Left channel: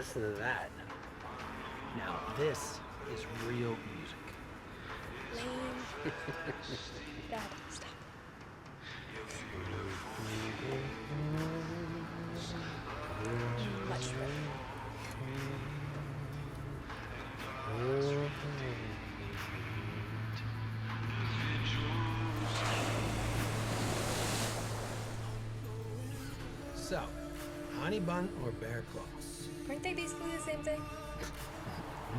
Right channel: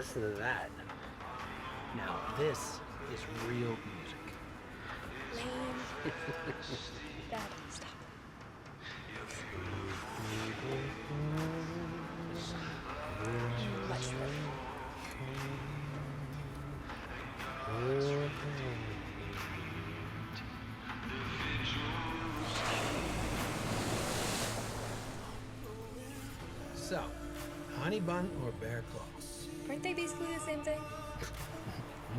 Listen to that. Now, this is real music. Lame. Dad, stop. Much better. So, honey bun or bear claw? Aren't they basically the same thing?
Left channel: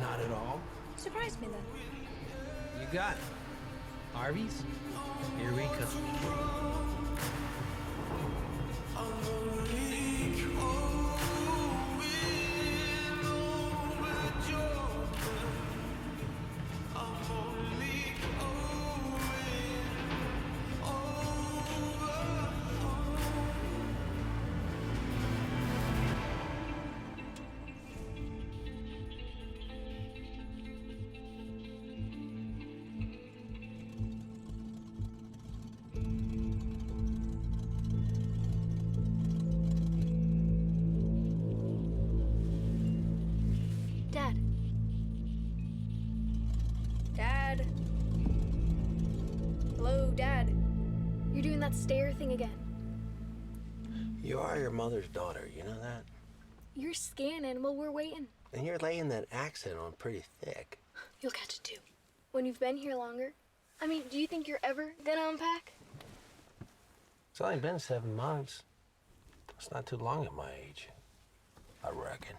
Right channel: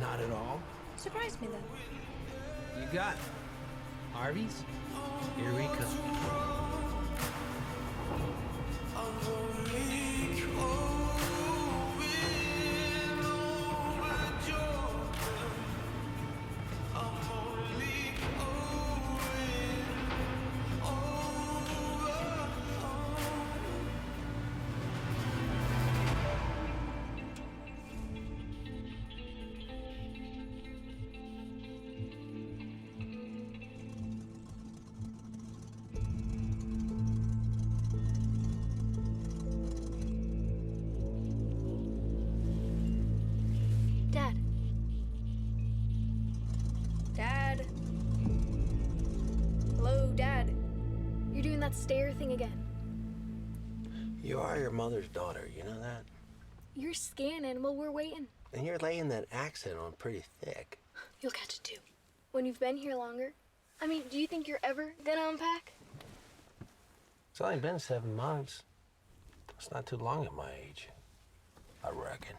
Not at all. Surprised me then. You got it. Harvey's, here we come. Dad. Dad. Hello, Dad. You're doing that stare thing again. You are your mother's daughter, you know that? You're scanning while we're waiting. And you're laying that accent on pretty thick. You'll catch it too. When you've been here longer. I mean, do you think you're ever gonna unpack? It's only been 7 months. It's not too long at my age, I reckon.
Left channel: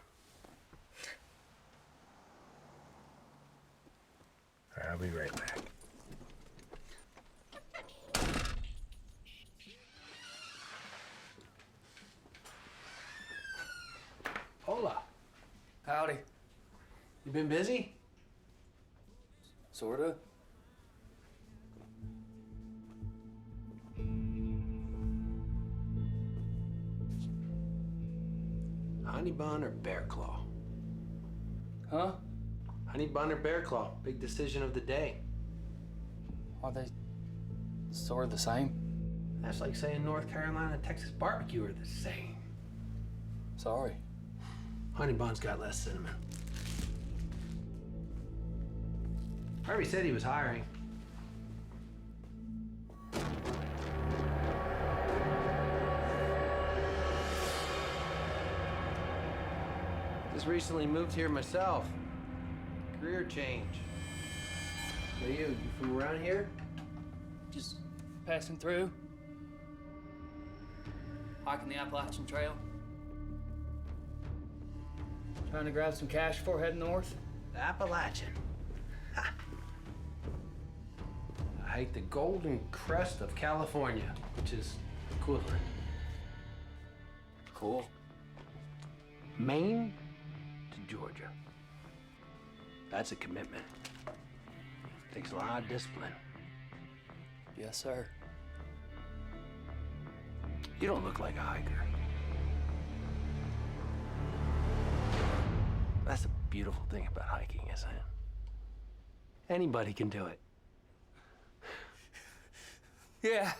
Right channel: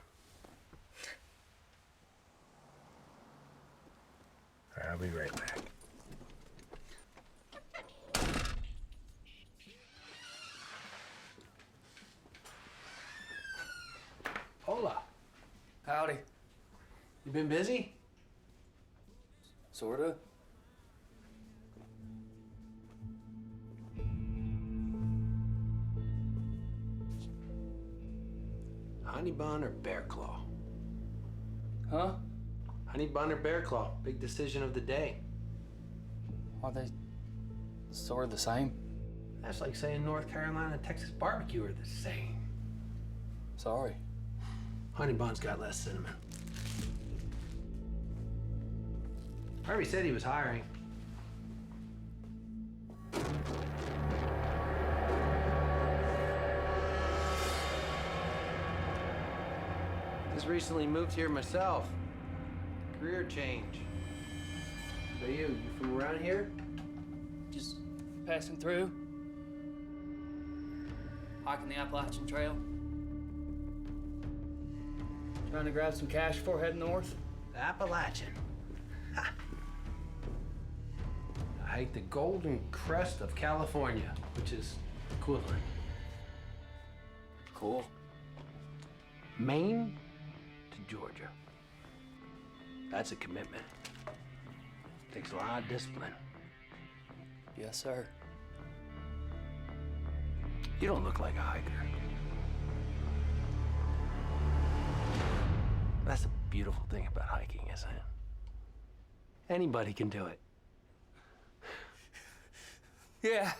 All right, I'll be right back. Hola. Howdy. You been busy? Sorta. Honey bun or bear claw? Huh? Honey bun or bear claw? Big decision of the day. Are they sort of the same? That's like saying North Carolina and Texas barbecue are the same. Sorry. Honey bun's got less cinnamon. Harvey said he was hiring. Just recently moved here myself. Career change. What about you? You from around here? Just passing through. Hiking the Appalachian Trail. Trying to grab some cash before heading north. The Appalachian. Ha. I hike the golden crest of California, which is equivalent. Cool. Maine to Georgia. That's a commitment. Takes a lot of discipline. Yes, sir. You don't look like a hiker. That's the beautiful thing about hiking, isn't it? Anybody can do it. Yeah.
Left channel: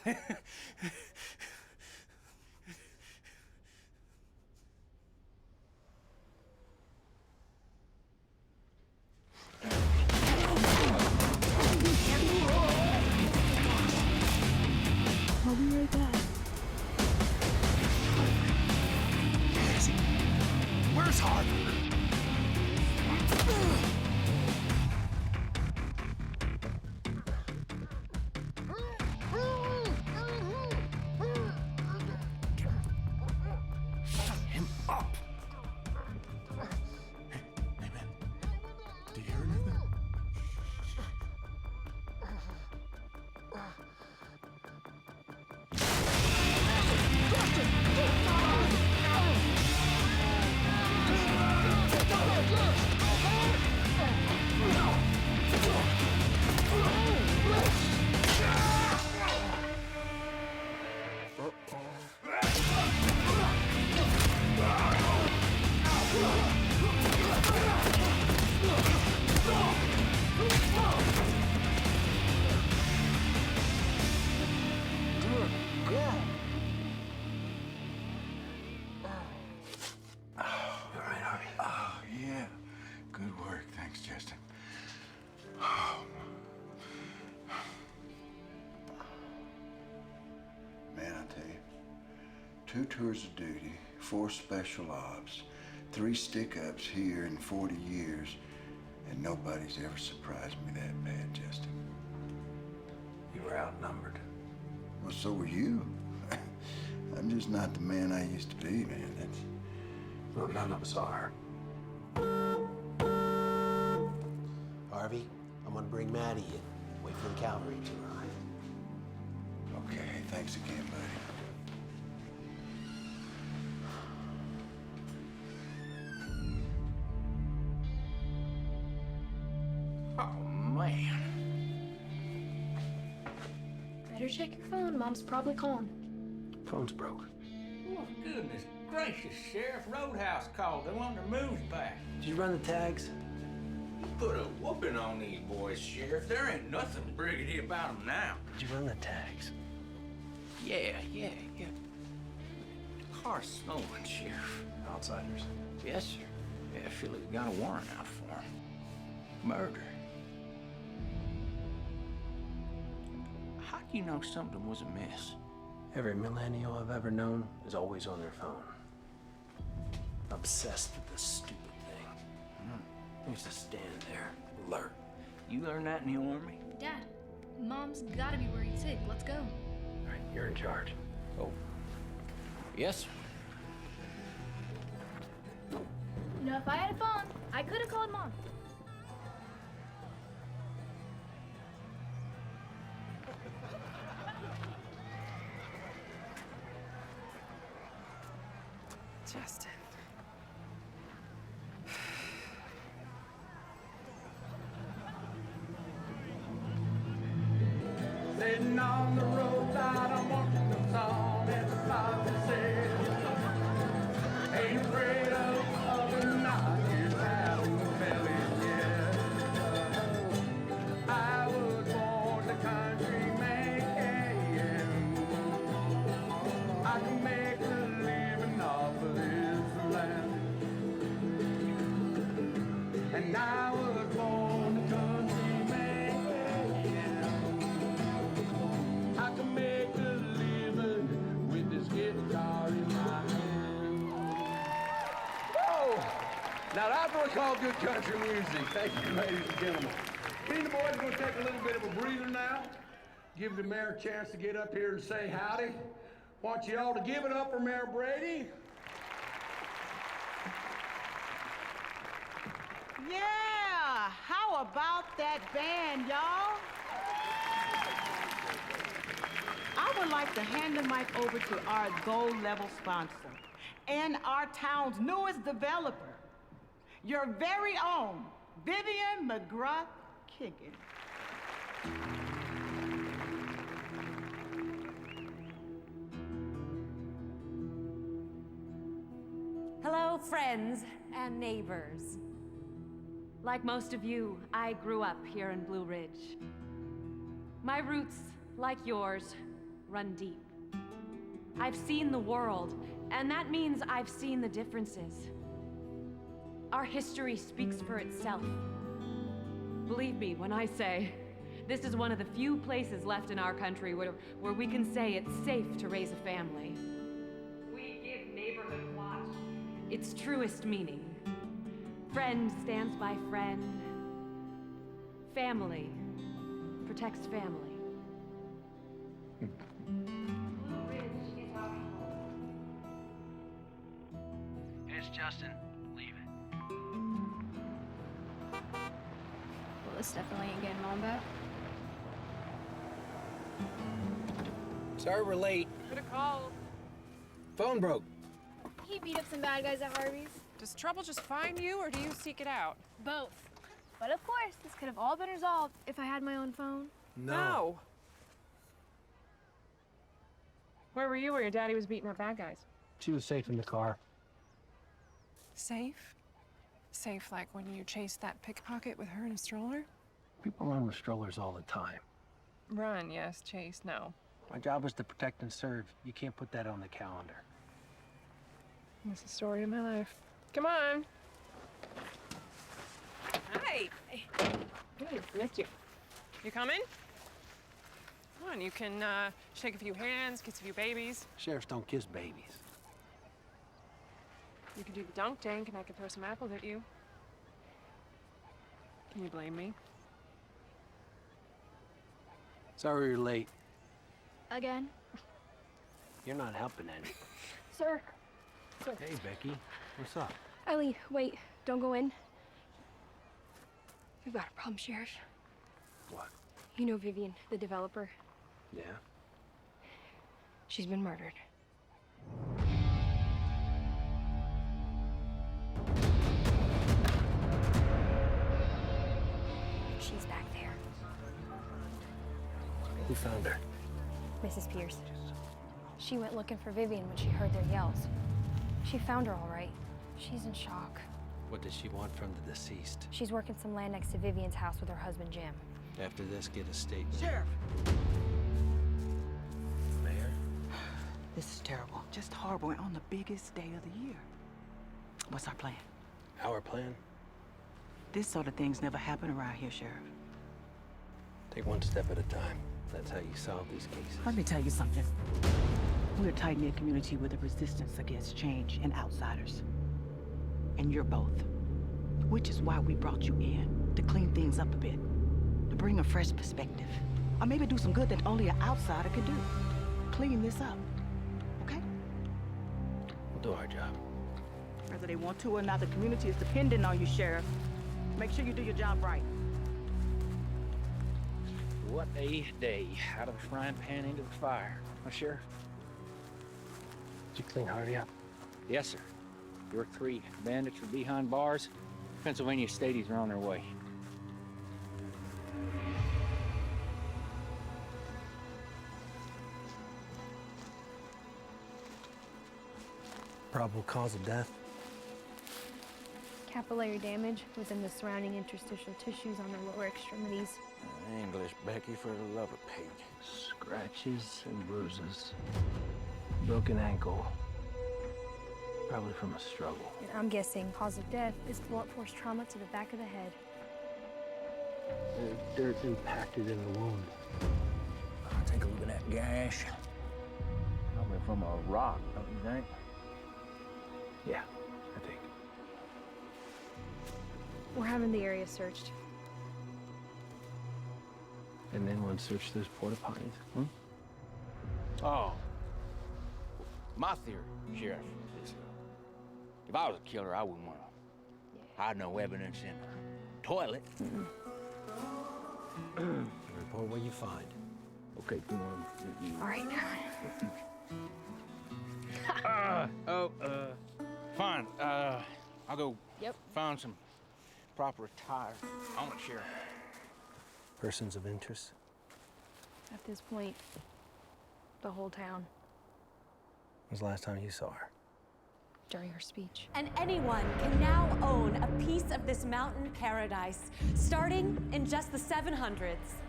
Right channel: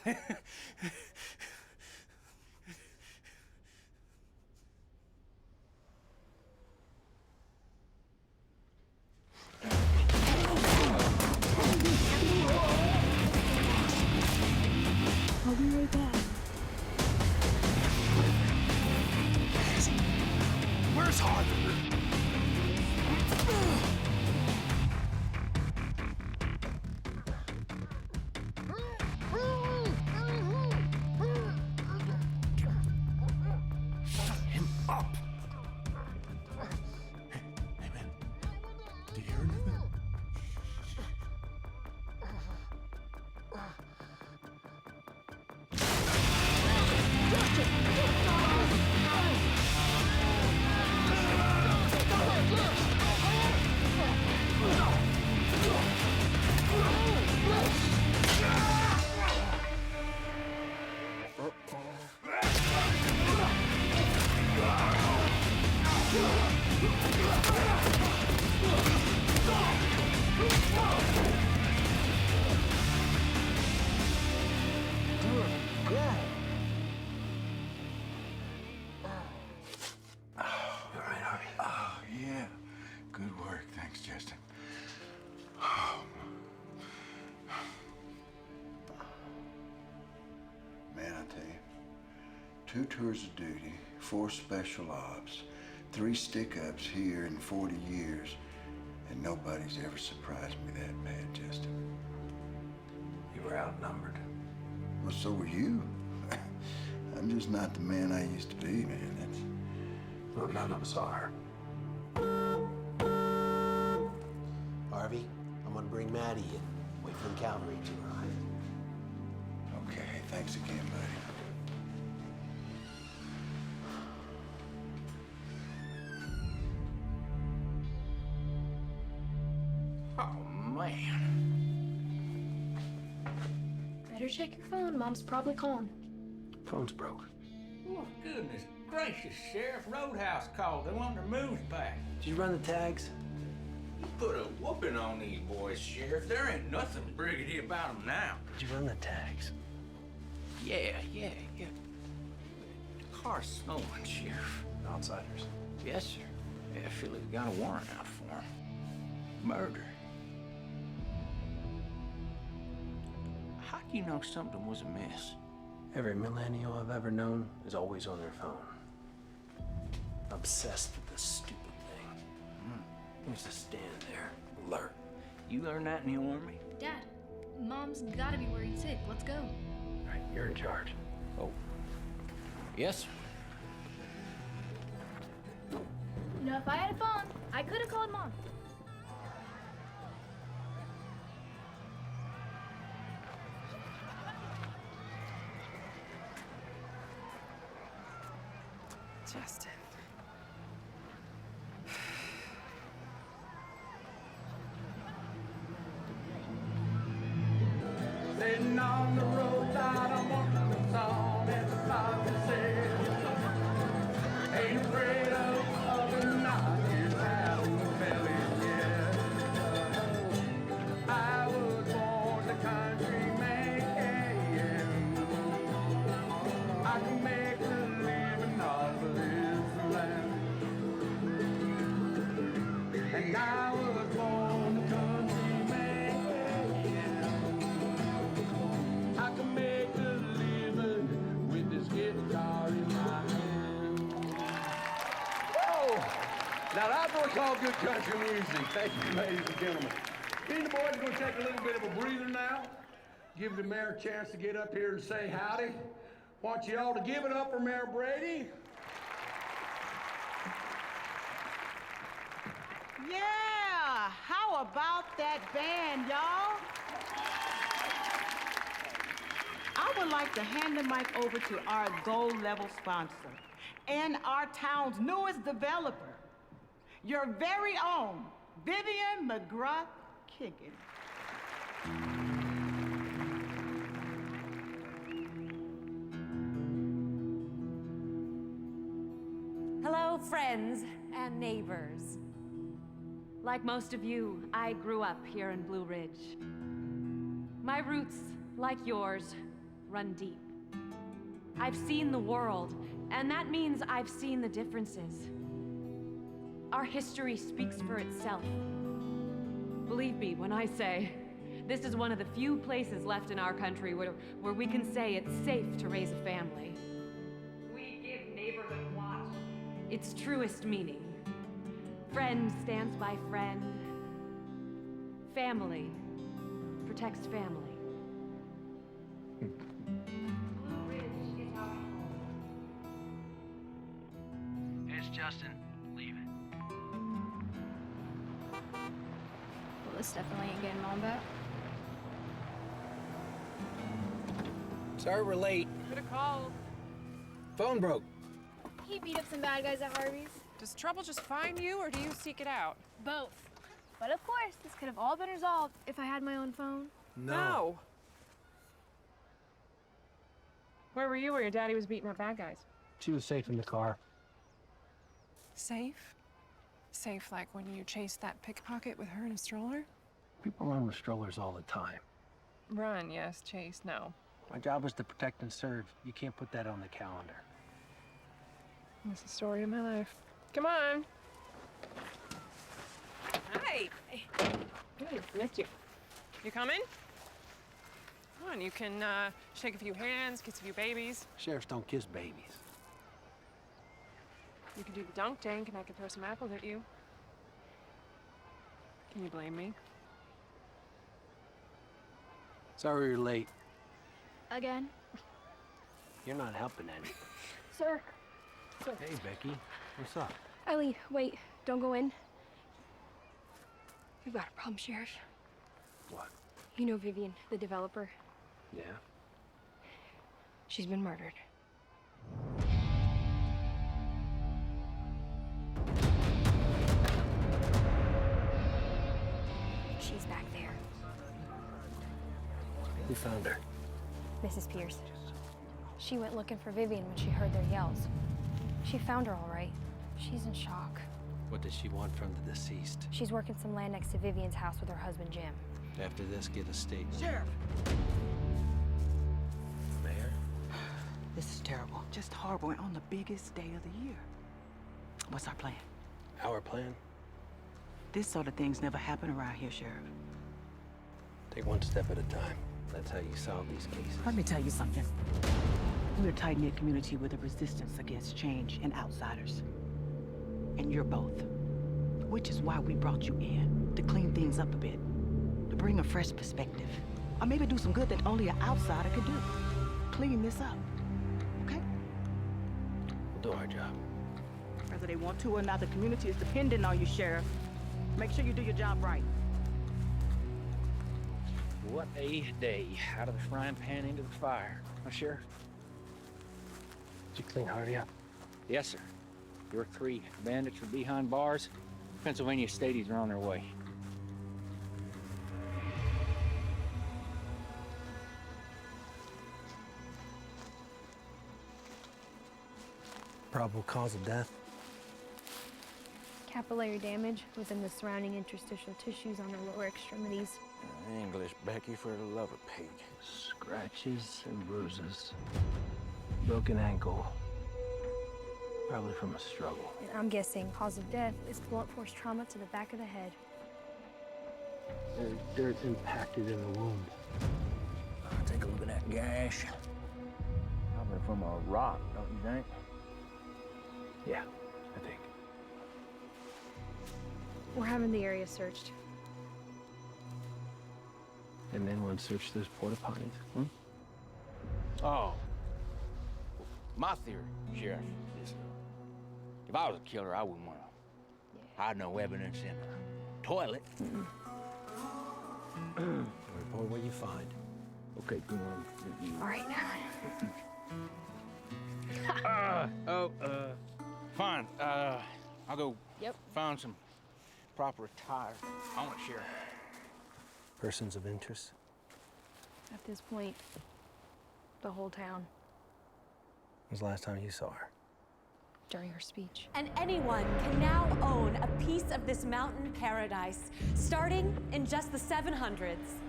I'll be right back. Where is he? Where's Harvey? Shut him up! Hey, man. Do you hear anything? Good girl. 2 tours of duty, 4 special ops, 3 stick-ups here in 40 years, and nobody's ever surprised me that bad, Justin. You were outnumbered. Well, so were you. I'm just not the man I used to be, man. That's... Well, none of us are. Harvey, I'm gonna bring Maddie in. Wait for the cavalry to arrive. Okay, thanks again, buddy. Oh, man. Better check your phone. Mom's probably calling. Phone's broke. Oh, goodness gracious, Sheriff. Roadhouse called. They want their moves back. Did you run the tags? You put a whooping on these boys, Sheriff. There ain't nothing briggedy about them now. Did you run the tags? Yeah. The car's snowing, Sheriff. Outsiders? Yes, sir. Yeah, Philly's got a warrant out for him. Murder. How do you know something was amiss? Every millennial I've ever known is always on their phone. Obsessed with this stupid thing. Used to stand there, alert. You learned that in the Army? Dad, Mom's gotta be worried sick. Let's go. All right, you're in charge. Oh. Yes, sir. You know, if I had a phone, I could have called Mom. Justin. Sitting on the roadside, I'm watching the sun as the sun says, ain't afraid of the night, it's out in the belly, yeah. I was born a country man. I can make a living off of this land. And I was born a country man. I can make a living with this guitar in my hand. Whoa! Now that's what we call good country music. Thank you, ladies and gentlemen. Me and the boys are going to take a little bit of a breather now. Give the mayor a chance to get up here and say howdy. Want you all to give it up for Mayor Brady. Yeah, how about that band, y'all? I would like to hand the mic over to our gold level sponsor and our town's newest developer, your very own Vivian McGrath Kiggin. Hello, friends and neighbors. Like most of you, I grew up here in Blue Ridge. My roots, like yours, run deep. I've seen the world, and that means I've seen the differences. Our history speaks for itself. Believe me when I say, this is one of the few places left in our country where we can say it's safe to raise a family. We give neighborhood watch its truest meaning. Friend stands by friend. Family protects family. Blue Ridge is our home. It's Justin. Leave it. Well, this definitely ain't getting Mom back. Sorry we're late. Could have called. Phone broke. He beat up some bad guys at Harvey's. Does trouble just find you, or do you seek it out? Both. But of course, this could have all been resolved if I had my own phone. No. Where were you where your daddy was beating up bad guys? She was safe in the car. Safe? Safe like when you chased that pickpocket with her in a stroller? People run with strollers all the time. Run, yes. Chase, no. My job was to protect and serve. You can't put that on the calendar. That's the story of my life. Come on. Hi. Hey, missed you. You coming? Come on, you can shake a few hands, kiss a few babies. Sheriffs don't kiss babies. You could do the dunk tank and I could throw some apples at you. Can you blame me? Sorry you're late. Again? You're not helping any. Sir. Hey, Becky. What's up? Ellie, wait. Don't go in. We've got a problem, Sheriff. What? You know Vivian, the developer? Yeah? She's been murdered. She's back there. Who found her? Mrs. Pierce. She went looking for Vivian when she heard their yells. She found her all right. She's in shock. What does she want from the deceased? She's working some land next to Vivian's house with her husband, Jim. After this, get a statement. Sheriff! Mayor? This is terrible. Just horrible. We're on the biggest day of the year. What's our plan? Our plan? This sort of things never happen around here, Sheriff. Take one step at a time. That's how you solve these cases. Let me tell you something. We're a tight-knit community with a resistance against change and outsiders. And you're both. Which is why we brought you in, to clean things up a bit. To bring a fresh perspective. Or maybe do some good that only an outsider could do. Clean this up. Okay? We'll do our job. Whether they want to or not, the community is dependent on you, Sheriff. Make sure you do your job right. What a day. Out of the frying pan into the fire. Huh, Sheriff? Did you clean Hardy up? Yes, sir. Your 3 bandits are behind bars. Pennsylvania Stadies are on their way. Probable cause of death? Capillary damage within the surrounding interstitial tissues on the lower extremities. English, Becky, for the love of Pete. Scratches and bruises. Broken ankle. Probably from a struggle. And I'm guessing cause of death is blunt force trauma to the back of the head. There's dirt impacted in the wound. Take a look at that gash. Probably from a rock, don't you think? Yeah, I think. We're having the area searched. And then one search those porta potties. Oh. My theory, Sheriff, is if I was a killer, I wouldn't want to hide no evidence in a toilet. Report what you find. Okay, come on. All right. Fine. I'll go Yep. find some proper attire. I want it, Sheriff. Persons of interest? At this point, the whole town. When was the last time you saw her? During her speech. And anyone can now own a piece of this mountain paradise, starting in just the 700s.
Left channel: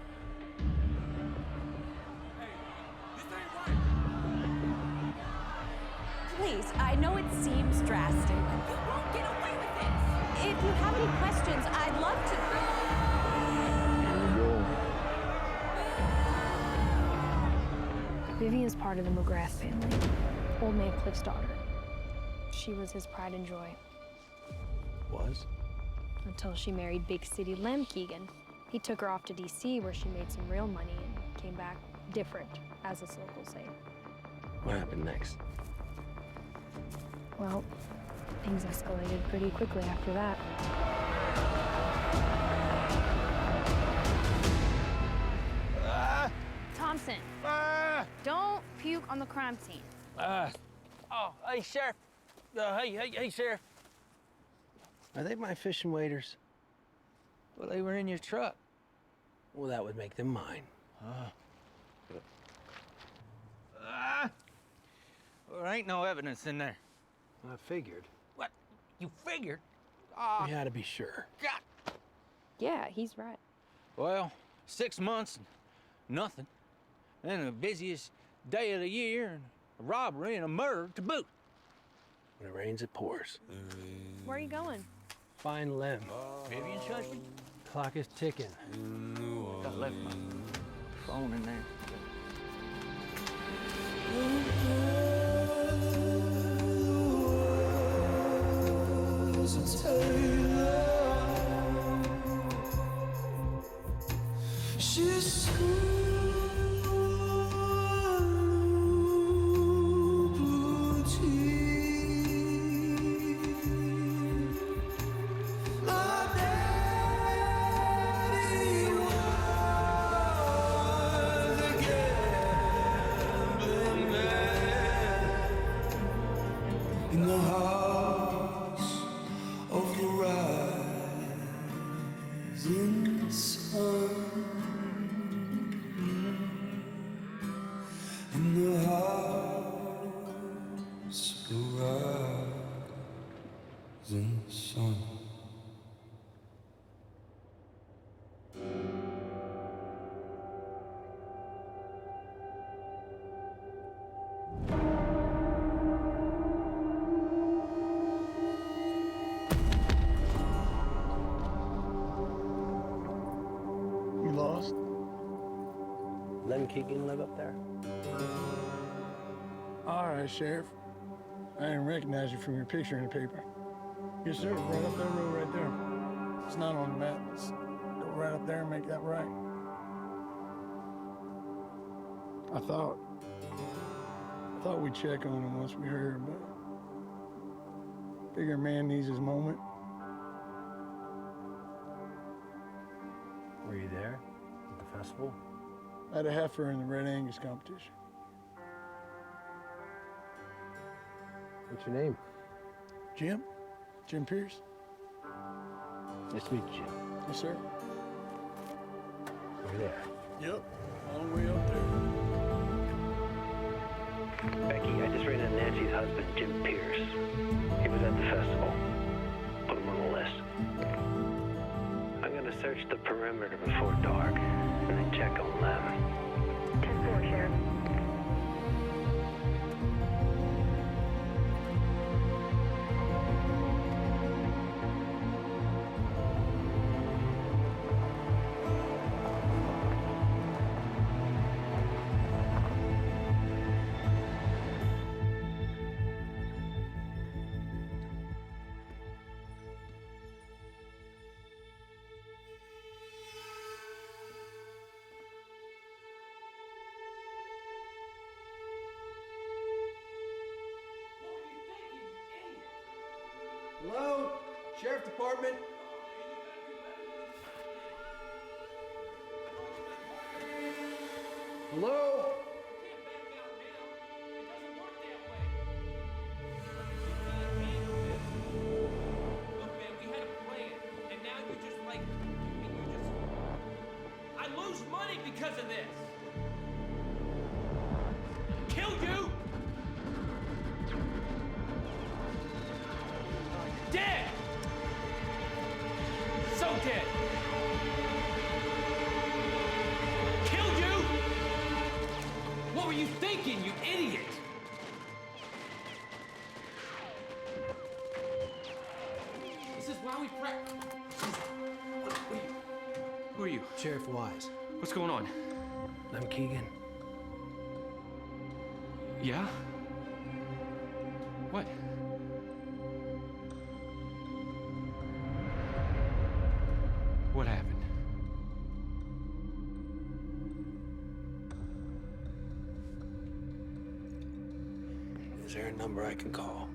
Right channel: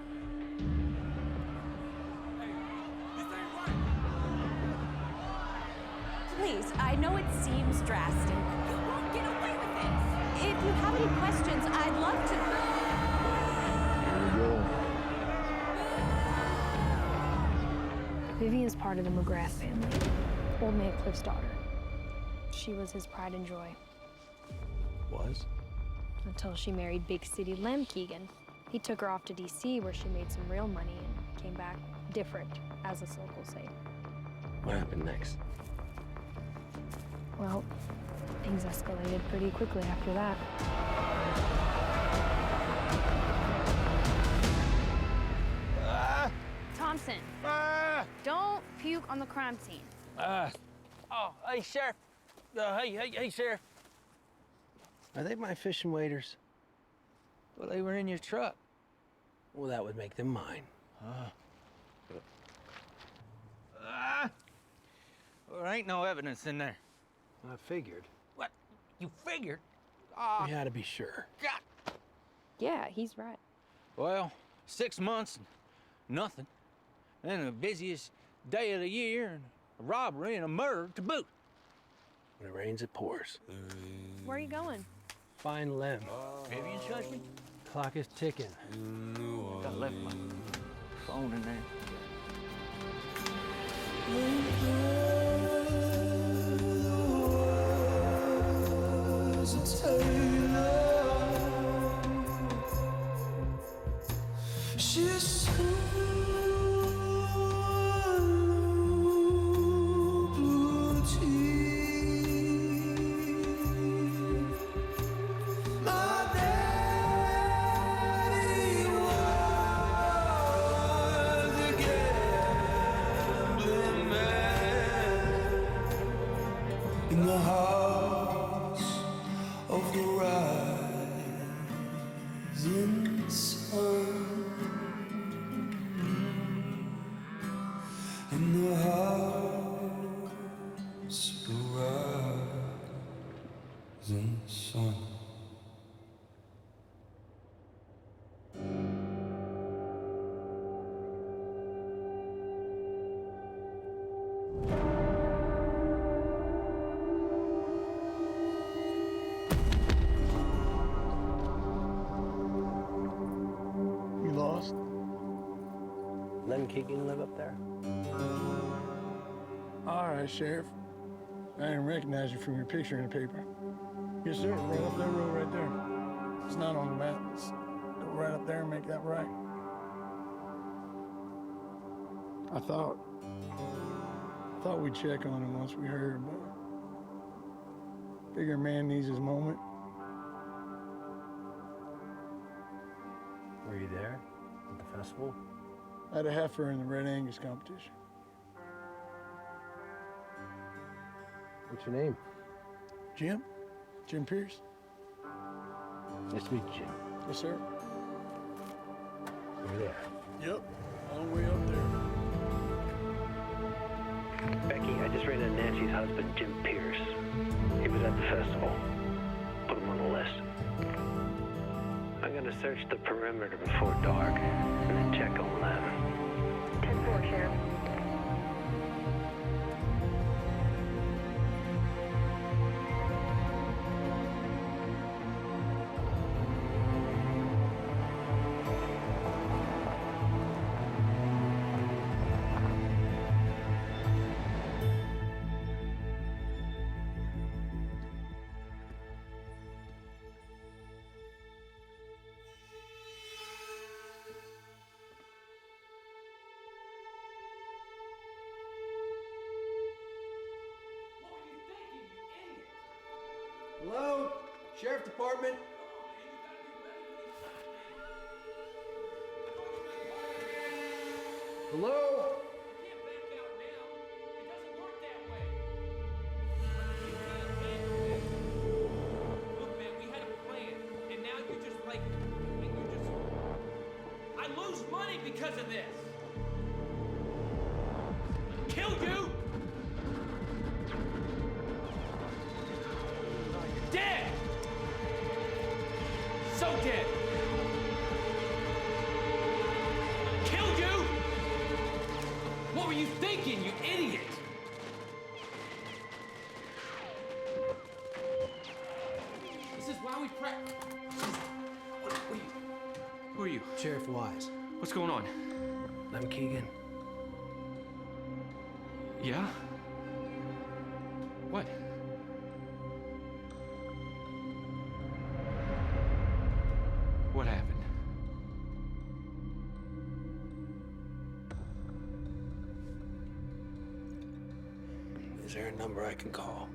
Hey, this ain't right. Please, I know it seems drastic. You won't get away with this! If you have any questions, I'd love to... Vivian's part of the McGrath family. Old man Cliff's daughter. She was his pride and joy. Was? Until she married big city Lem Keegan. He took her off to D.C. where she made some real money and came back different, as us locals say. What happened next? Well, things escalated pretty quickly after that. Thompson, don't puke on the crime scene. Hey, Sheriff. Hey, Sheriff. Are they my fishing waders? Well, they were in your truck. Well, that would make them mine. Well, there ain't no evidence in there. I figured. What? You figured? We had to be sure. God. Yeah, he's right. Well, 6 months, and nothing. And the busiest day of the year, and a robbery and a murder to boot. When it rains, it pours. Where are you going? Find Lem. Vivian's husband? Clock is ticking. I left my phone in there. You lost? Lem Keegan live up there? All right, Sheriff. I didn't recognize you from your picture in the paper. Yes, sir, right up that road right there. It's not on the map. Let's go right up there and make that right. I thought we'd check on him once we heard, but figure a man needs his moment. Were you there at the festival? I had a heifer in the Red Angus competition. What's your name? Jim? Jim Pierce? Nice to meet you, Jim. Yes, sir. You're there. Yep, all the way up there. Becky, I just ran into Nancy's husband, Jim Pierce. He was at the festival. Put him on the list. I'm gonna search the perimeter before dark, and then check on them. 10-4, Sheriff. Hello? Sheriff Department? Hello? You can't back out now. It doesn't work that way. Like, if you can't handle this... Look, man, we had a plan. And now you're just like... And you're just... I lose money because of this. Kill you! You're dead! So dead! Kill you! What were you thinking, you idiot? This is why we What are you? Who are you? Sheriff Wise. What's going on? Lem Keegan. Yeah? What? What happened? Is there a number I can call?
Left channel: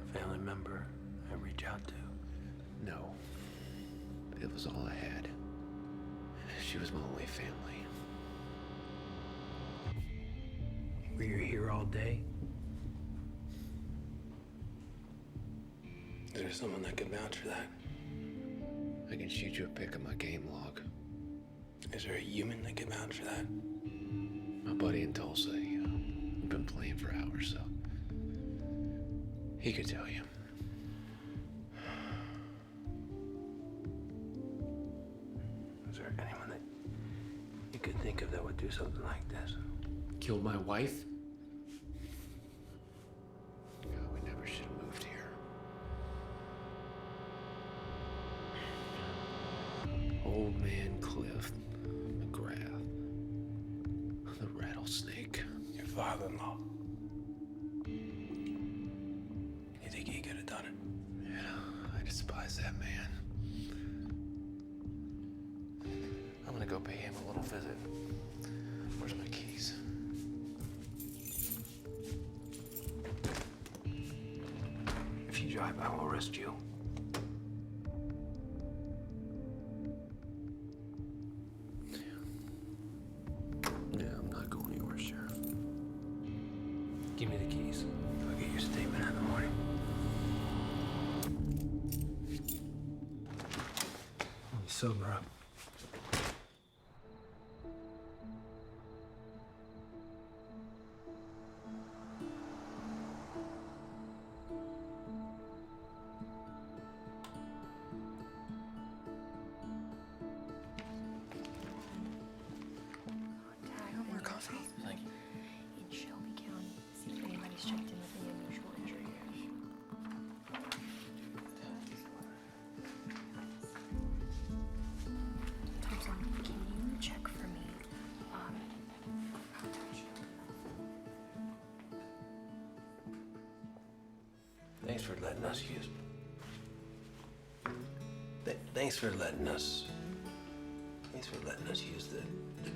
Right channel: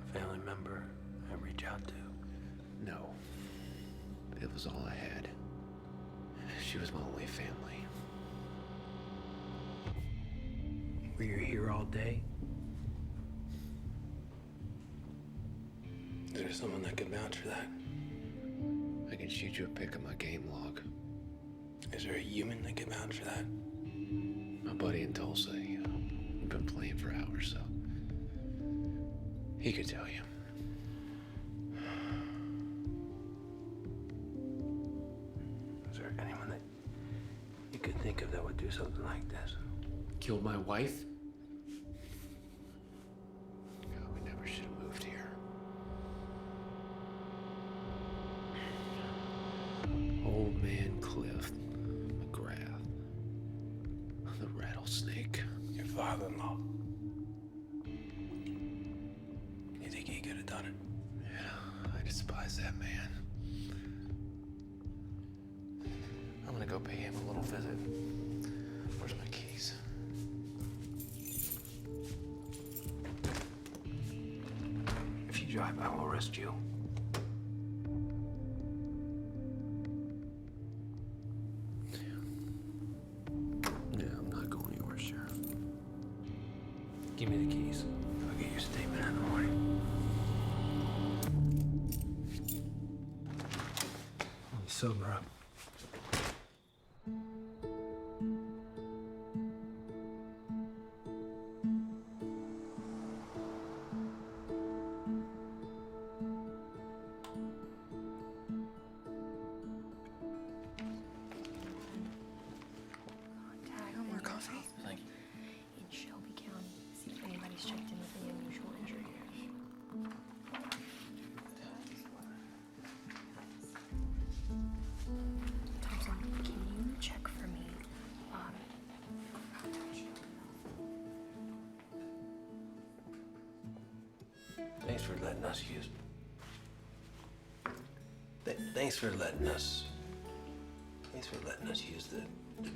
A family member I reach out to? No. It was all I had. She was my only family. Were you here all day? Is there someone that could vouch for that? I can shoot you a pic of my game log. Is there a human that could vouch for that? My buddy in Tulsa, we've been playing for hours, so he could tell you. Is there anyone that you could think of that would do something like this? Killed my wife? God, we never should have moved here. Old man Cliff McGrath. The rattlesnake. Your father-in-law. You think he could have done it? Yeah, I despise that man. I'm gonna go pay him a little visit. Where's my keys? If you drive, I will arrest you. Yeah, I'm not going anywhere, Sheriff. Give me the keys. I'll get your statement in the morning. Let me sober up. More coffee? Thank you. In Shelby County, see if anybody's checked in with any unusual injury. Thompson, can you check for me? Thanks for letting us use. Thanks for letting us use the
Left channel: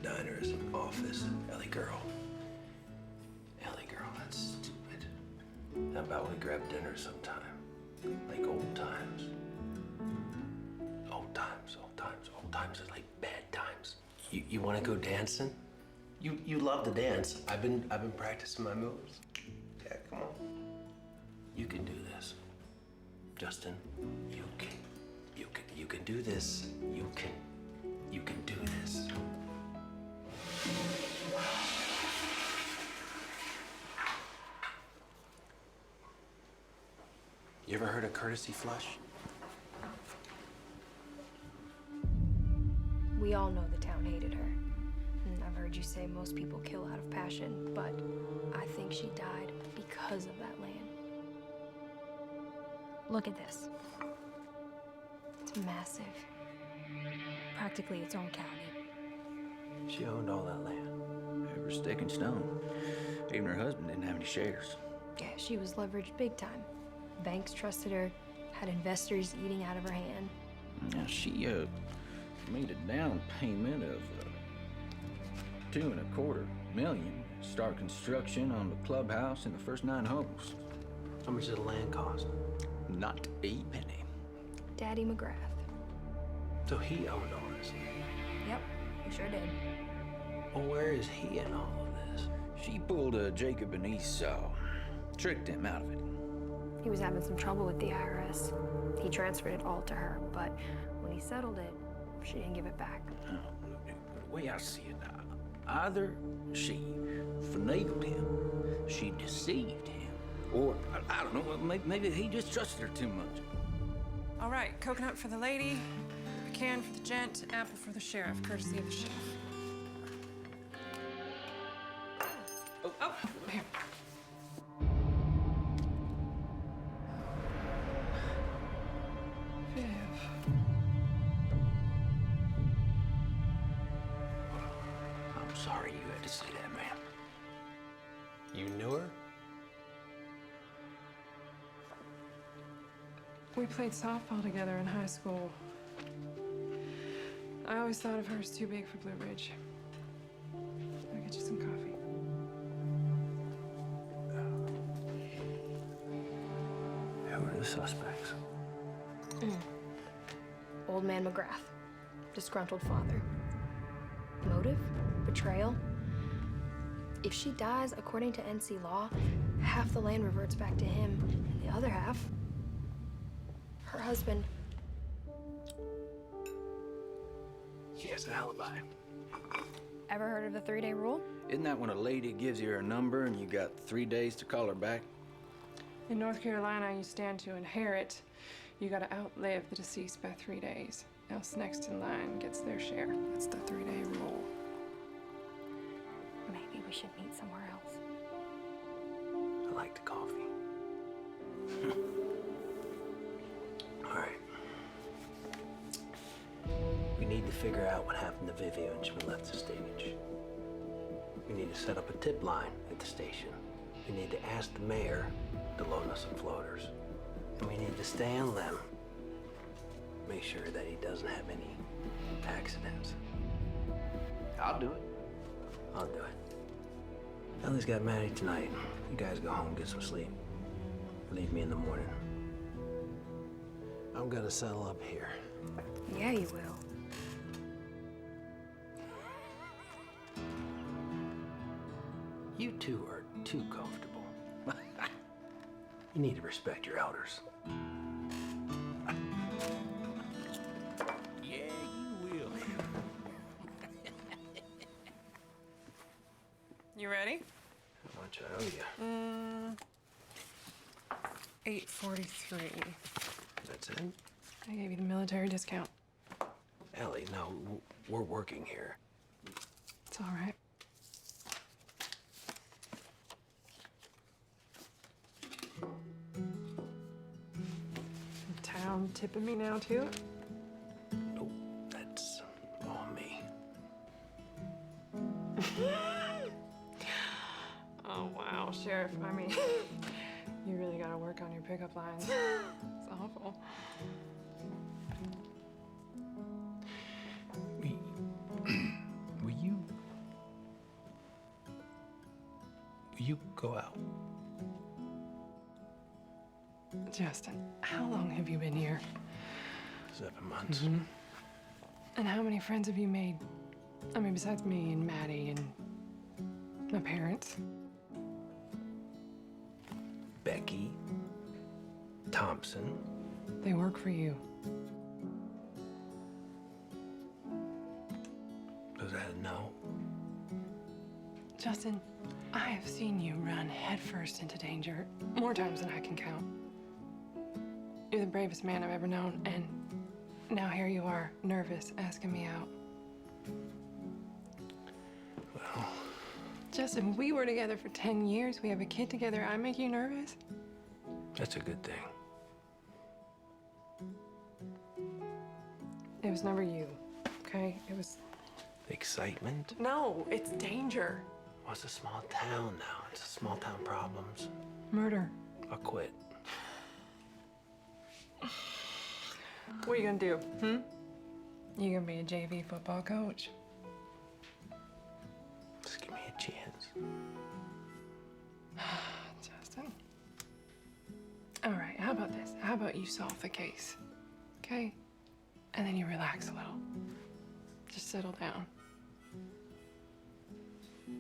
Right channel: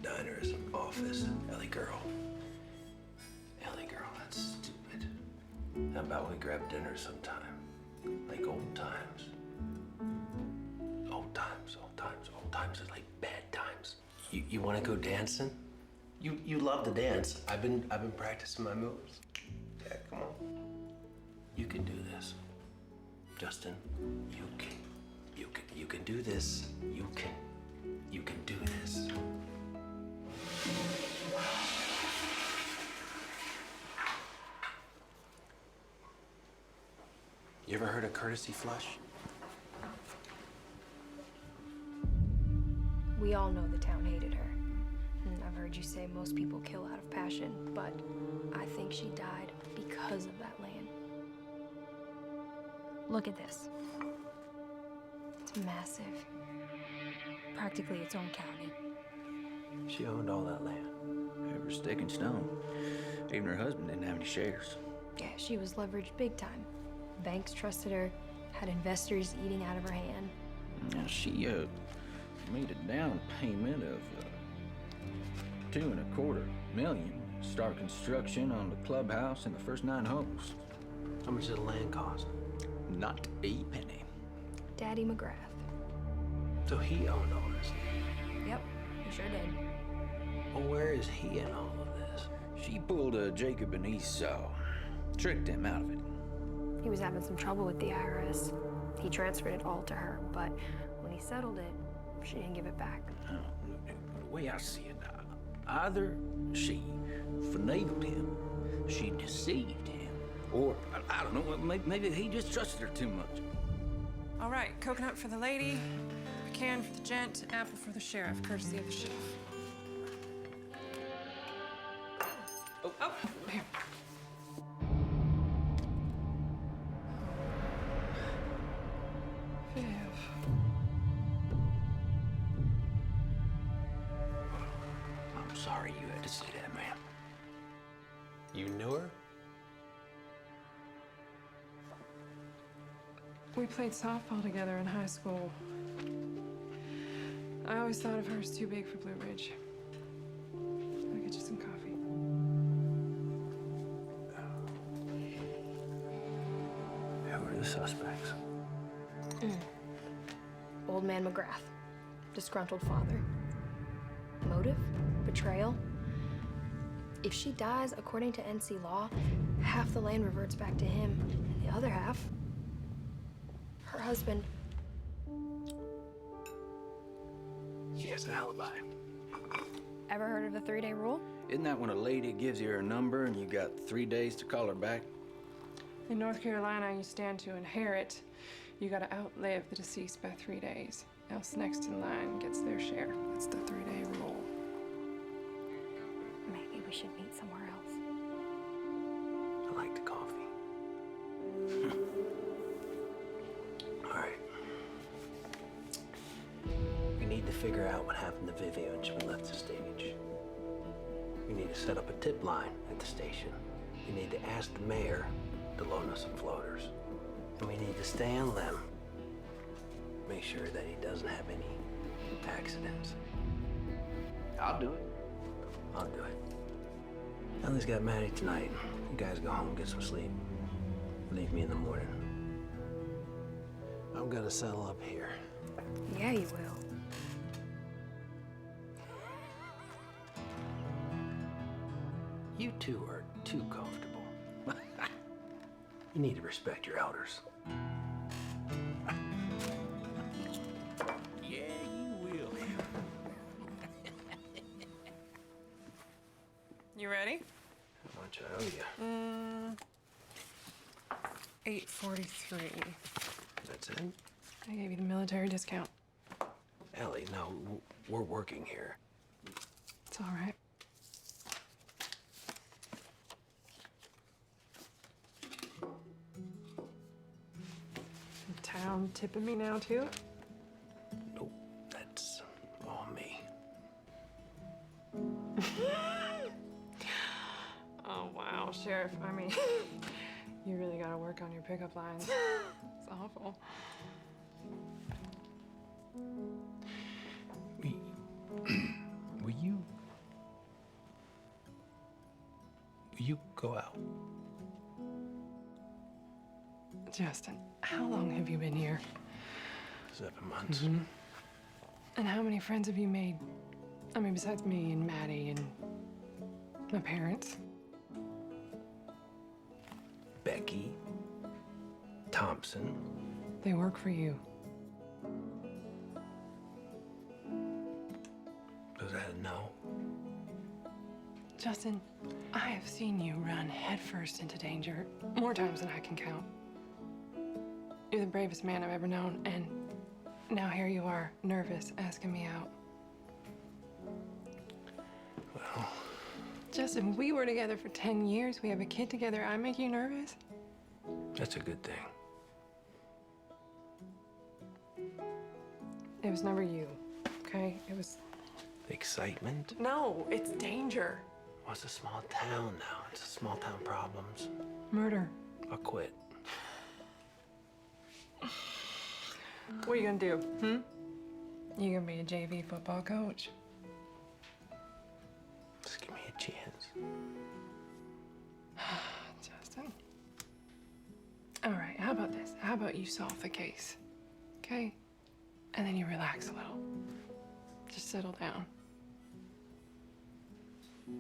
diner as an office. Ellie girl, that's stupid. How about we grab dinner sometime? Like old times. Old times is like bad times. You want to go dancing? You love to dance. I've been practicing my moves. Yeah, come on. You can do this, Justin. You can do this. You can do this. You ever heard of courtesy flush? We all know the town hated her. And I've heard you say most people kill out of passion, but I think she died because of that land. Look at this. It's massive. Practically its own county. She owned all that land. Every stick and stone. Even her husband didn't have any shares. Yeah, she was leveraged big time. Banks trusted her, had investors eating out of her hand. Now, she made a down payment of $2.25 million to start construction on the clubhouse and the first 9 holes. How much did the land cost? Not a penny. Daddy McGrath. So he owned all this land. Yep, he sure did. Well, where is he in all of this? She pulled a Jacob and Esau, tricked him out of it. He was having some trouble with the IRS. He transferred it all to her, but when he settled it, she didn't give it back. Oh, the way I see it, either she finagled him, she deceived him, or I don't know, maybe he just trusted her too much. All right, coconut for the lady, pecan for the gent, apple for the sheriff, courtesy of the chef. Oh, here. Viv. I'm sorry you had to see that, man. You knew her? We played softball together in high school. I always thought of her as too big for Blue Ridge. I'll get you some coffee. Who are the suspects? Old man McGrath, disgruntled father. Motive? Betrayal? If she dies, according to NC law, half the land reverts back to him, and the other half, her husband. She has an alibi. Ever heard of the 3-day rule? Isn't that when a lady gives you her number and you got 3 days to call her back? In North Carolina, you stand to inherit. You gotta outlive the deceased by 3 days, else next in line gets their share. That's the 3-day rule. Maybe we should meet somewhere else. I like the coffee. All right. We need to figure out what happened to Vivian when she left the stage. We need to set up a tip line at the station. We need to ask the mayor to loan us some floaters. And we need to stay on limb. Make sure that he doesn't have any accidents. I'll do it. I'll do it. Ellie's got Maddie tonight. You guys go home, get some sleep. Leave me in the morning. I'm gonna settle up here. Yeah, you will. You two are too comfortable. You need to respect your elders. Yeah, you will. You ready? How much I owe you? $8.43. That's it? I gave you the military discount. Ellie, no, we're working here. It's all right. The town tipping me now, too? Nope, that's all me. Oh, wow, Sheriff. I mean, you really gotta work on your pickup lines. It's awful. Will you go out? Justin, how long have you been here? 7 months. Mm-hmm. And how many friends have you made? I mean, besides me and Maddie and my parents. Becky, Thompson. They work for you. Was that a no? Justin, I have seen you run headfirst into danger more times than I can count. You're the bravest man I've ever known, and now here you are, nervous, asking me out. Well... Justin, we were together for 10 years. We have a kid together. I make you nervous? That's a good thing. It was never you, okay? It was... Excitement? No, it's danger. Well, it's a small town now. It's a small town problems. Murder. I'll quit. What are you gonna do, You gonna be a JV football coach? Just give me a chance. Justin. All right, how about this? How about you solve the case, okay? And then you relax a little. Just settle down.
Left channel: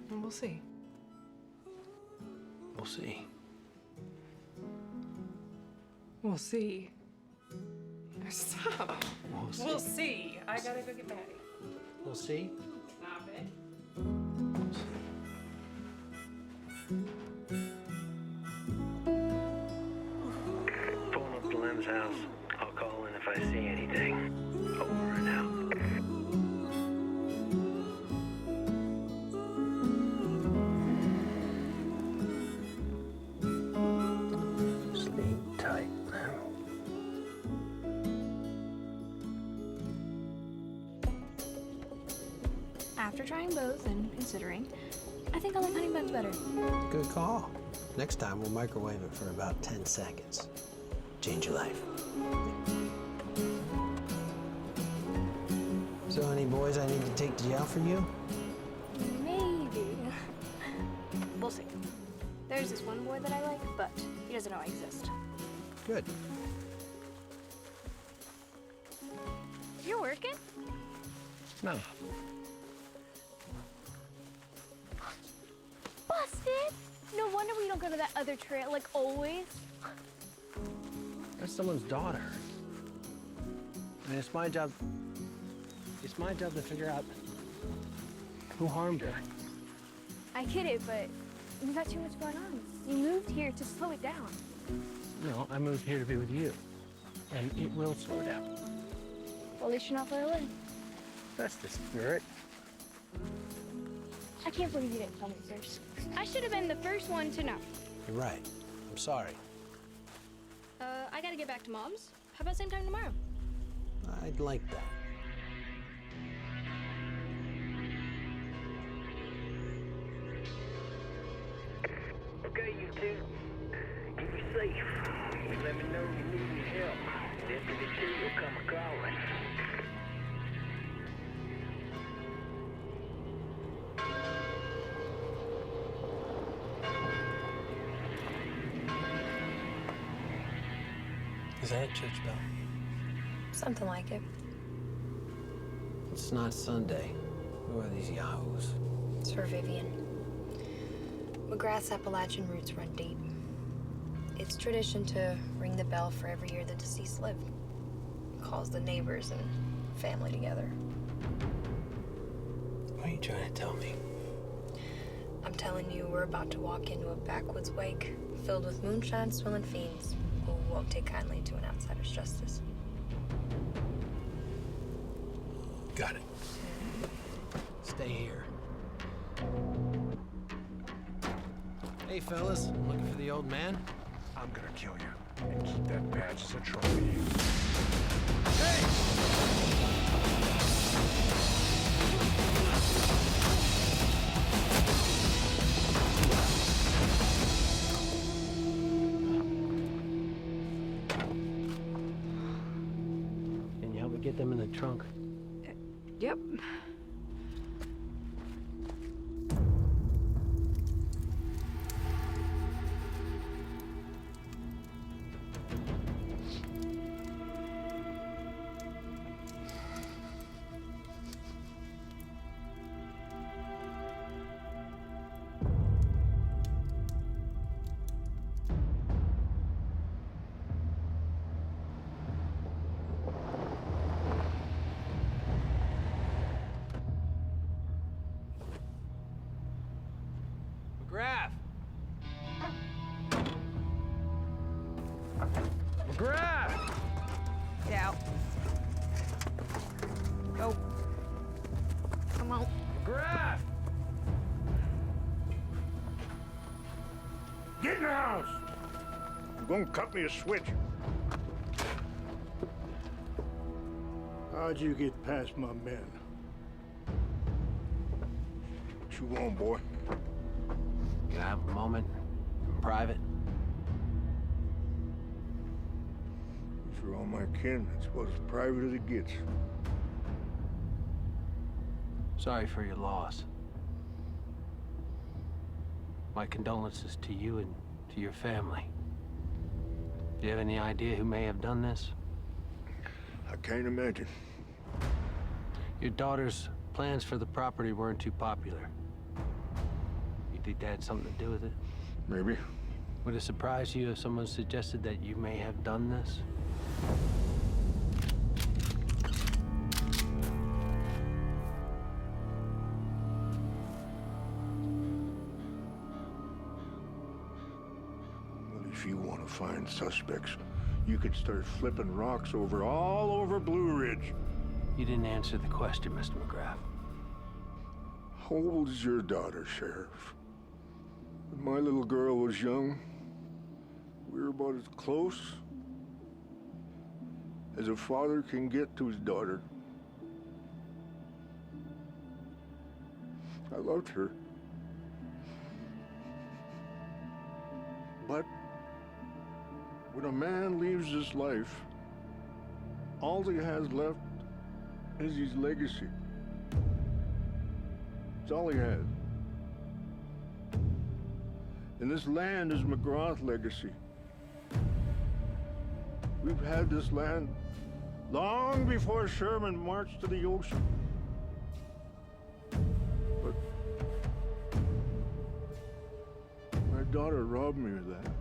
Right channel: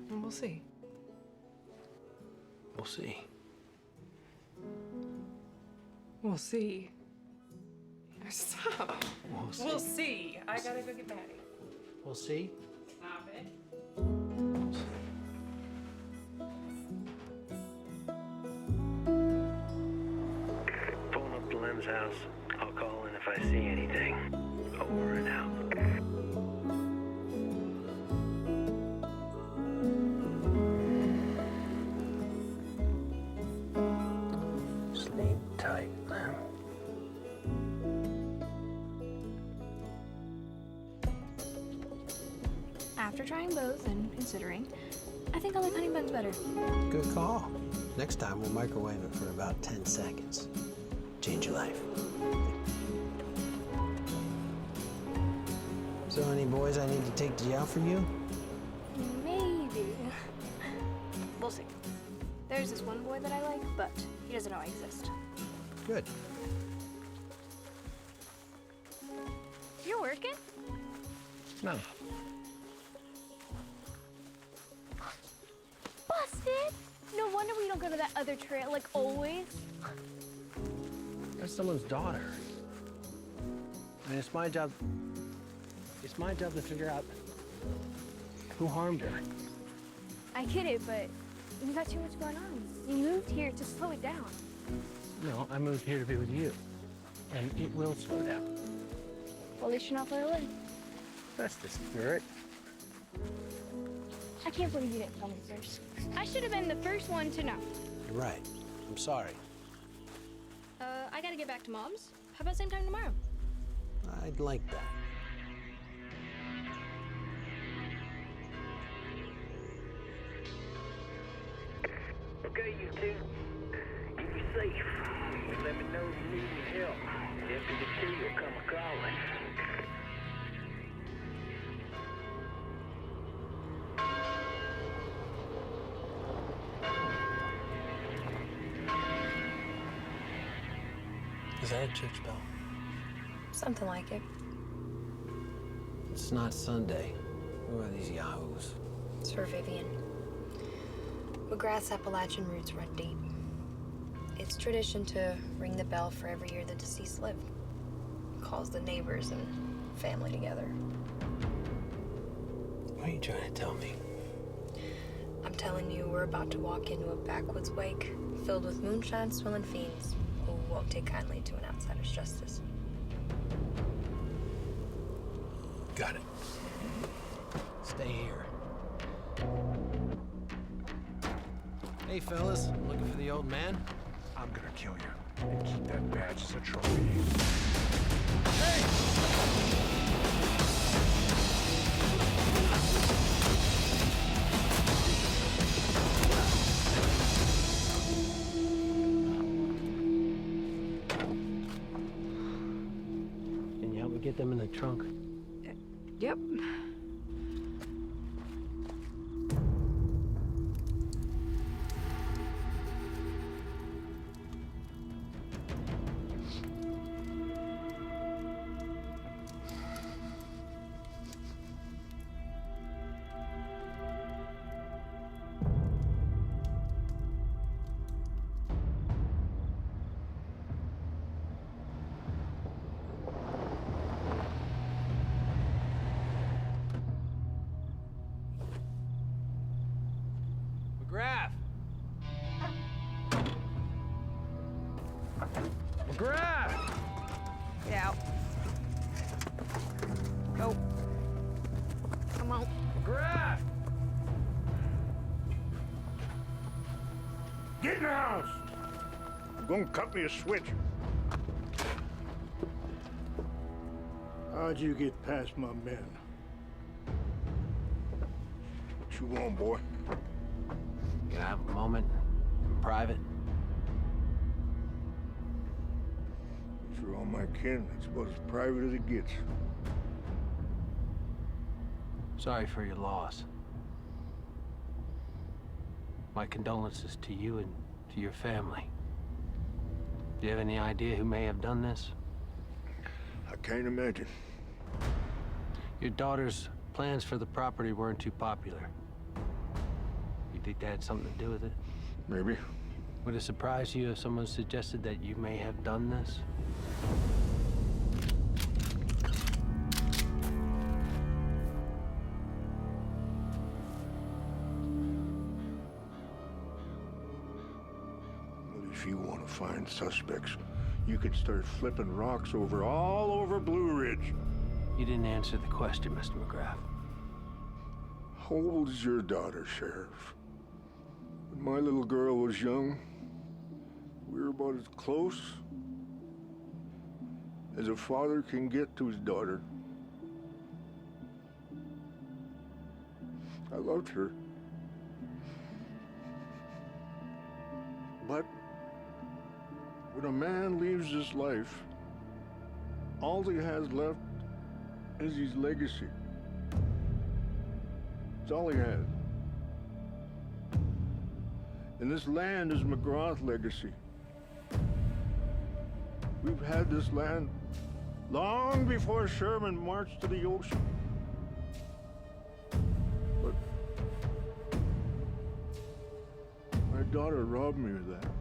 And we'll see. We'll see. We'll see. Stop. We'll see. We'll see. I gotta go get Maddie. We'll see. Stop it. Pulling up to Lem's house. I'll call in if I see anything. Over and out. Sleep tight, Lem. After trying both and considering, I think I like honey buns better. Good call. Next time, we'll microwave it for about 10 seconds. Change your life. So, any boys I need to take to jail for you? Maybe. We'll see. There's this one boy that I like, but he doesn't know I exist. Good. You're working? No. Busted! No wonder we don't go to that other trail like always. That's someone's daughter. I mean, it's my job. It's my job to figure out who harmed her. I get it, but you got too much going on. You moved here to slow it down. No, I moved here to be with you. And it will slow down. Well, at least you're not far away. That's the spirit. I can't believe you didn't tell me first. I should have been the first one to know. You're right. I'm sorry. I gotta get back to Mom's. How about same time tomorrow? I'd like that. Okay, you two. You be safe. You let me know if you need any help. Deputy T will come a-calling. Is that a church bell? Something like it. It's not Sunday. Who are these yahoos? It's for Vivian. McGrath's Appalachian roots run deep. It's tradition to ring the bell for every year the deceased lived. Calls the neighbors and family together. What are you trying to tell me? I'm telling you, we're about to walk into a backwoods wake filled with moonshine-swilling fiends who won't take kindly to an outsider's justice. Got it. Stay here. Hey, fellas. I'm looking for the old man. I'm gonna kill you and keep that badge as a trophy. Hey! Can you help me get them in the trunk? Yep. McGrath! McGrath! Get out. Go. Come on. McGrath! Get in the house! You're gonna cut me a switch. How'd you get past my men? What you want, boy? Can I have a moment in private? These are all my kin. It's about as private as it gets. Sorry for your loss. My condolences to you and to your family. Do you have any idea who may have done this? I can't imagine. Your daughter's plans for the property weren't too popular. You think that had something to do with it? Maybe. Would it surprise you if someone suggested that you may have done this? Well, if you want to find suspects, you could start flipping rocks all over Blue Ridge. You didn't answer the question, Mr. McGrath. How old is your daughter, Sheriff? When my little girl was young, we were about as close as a father can get to his daughter. I loved her. But when a man leaves this life, all he has left is his legacy. It's all he has. And this land is McGrath's legacy. We've had this land long before Sherman marched to the ocean. But my daughter robbed me of that.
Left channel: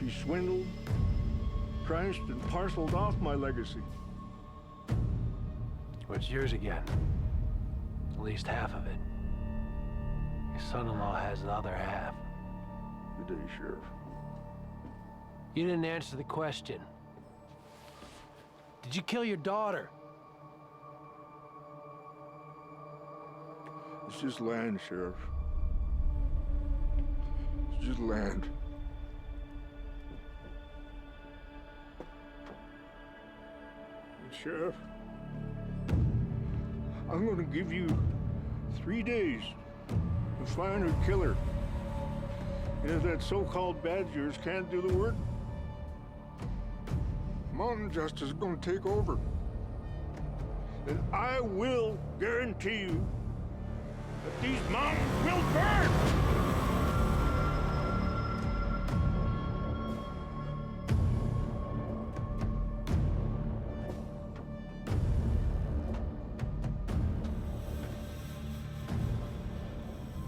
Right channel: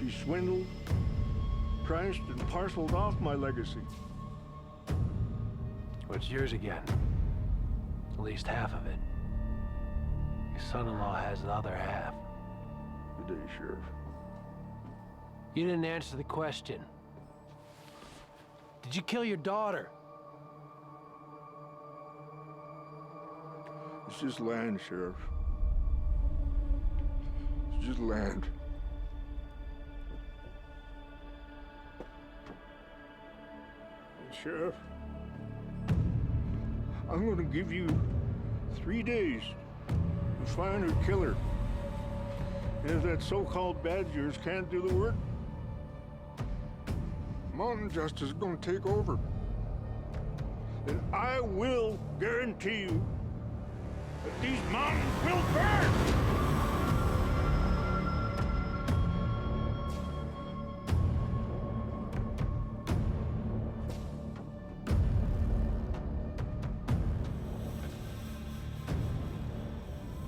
She swindled, priced, and parceled off my legacy. Well, it's yours again. At least half of it. Your son-in-law has the other half. Good day, Sheriff. You didn't answer the question. Did you kill your daughter? It's just land, Sheriff. It's just land. And Sheriff, I'm gonna give you 3 days to find her killer. And if that so-called badge of yours can't do the work, mountain justice is gonna take over. And I will guarantee you that these mountains will burn!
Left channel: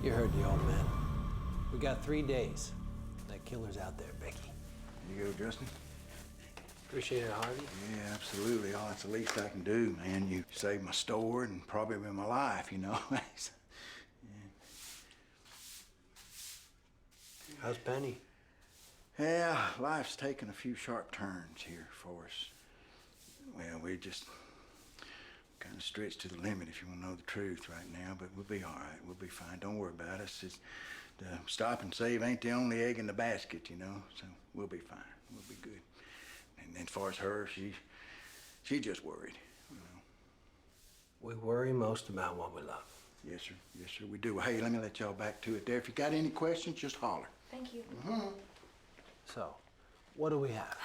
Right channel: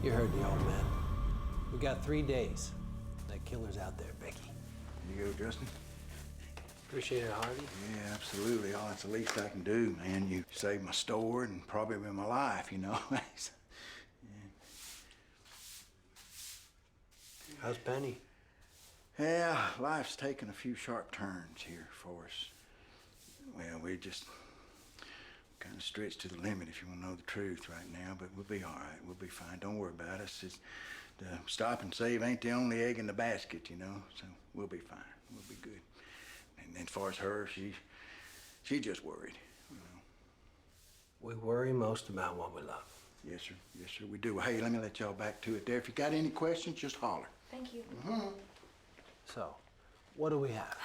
You heard the old man. We got 3 days. That killer's out there, Becky. You go, Justin. Appreciate it, Harvey. Yeah, absolutely. Oh, it's the least I can do, man. You saved my store and probably my life, you know. How's Penny? Yeah, life's taken a few sharp turns here for us. Well, we just kind of stretched to the limit, if you want to know the truth right now, but we'll be all right. We'll be fine. Don't worry about us. It's, the stop and save ain't the only egg in the basket, you know, so we'll be fine. We'll be good. And then as far as her, she just worried, you know. We worry most about what we love. Yes, sir. Yes, sir, we do. Well, hey, let me let y'all back to it there. If you got any questions, just holler. Thank you. So, what do we have?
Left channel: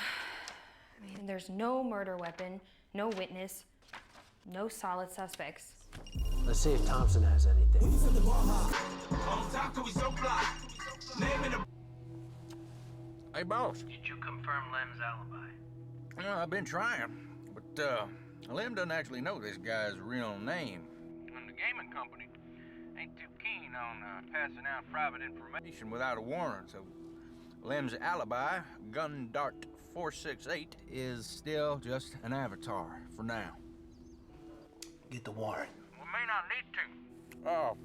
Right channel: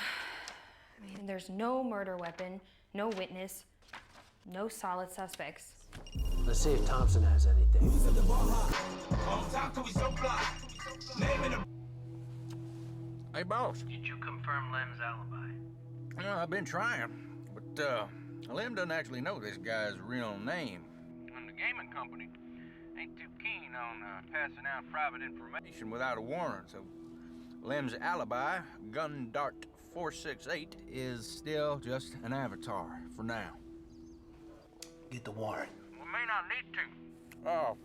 I mean, there's no murder weapon, no witness, no solid suspects. Let's see if Thompson has anything. Hey, boss. Did you confirm Lem's alibi? Well, I've been trying, but Lem doesn't actually know this guy's real name. And the gaming company ain't too keen on passing out private information Without a warrant, so Lem's alibi, Gun Dart 468, is still just an avatar for now. Get the warrant. We may not need to. Oh,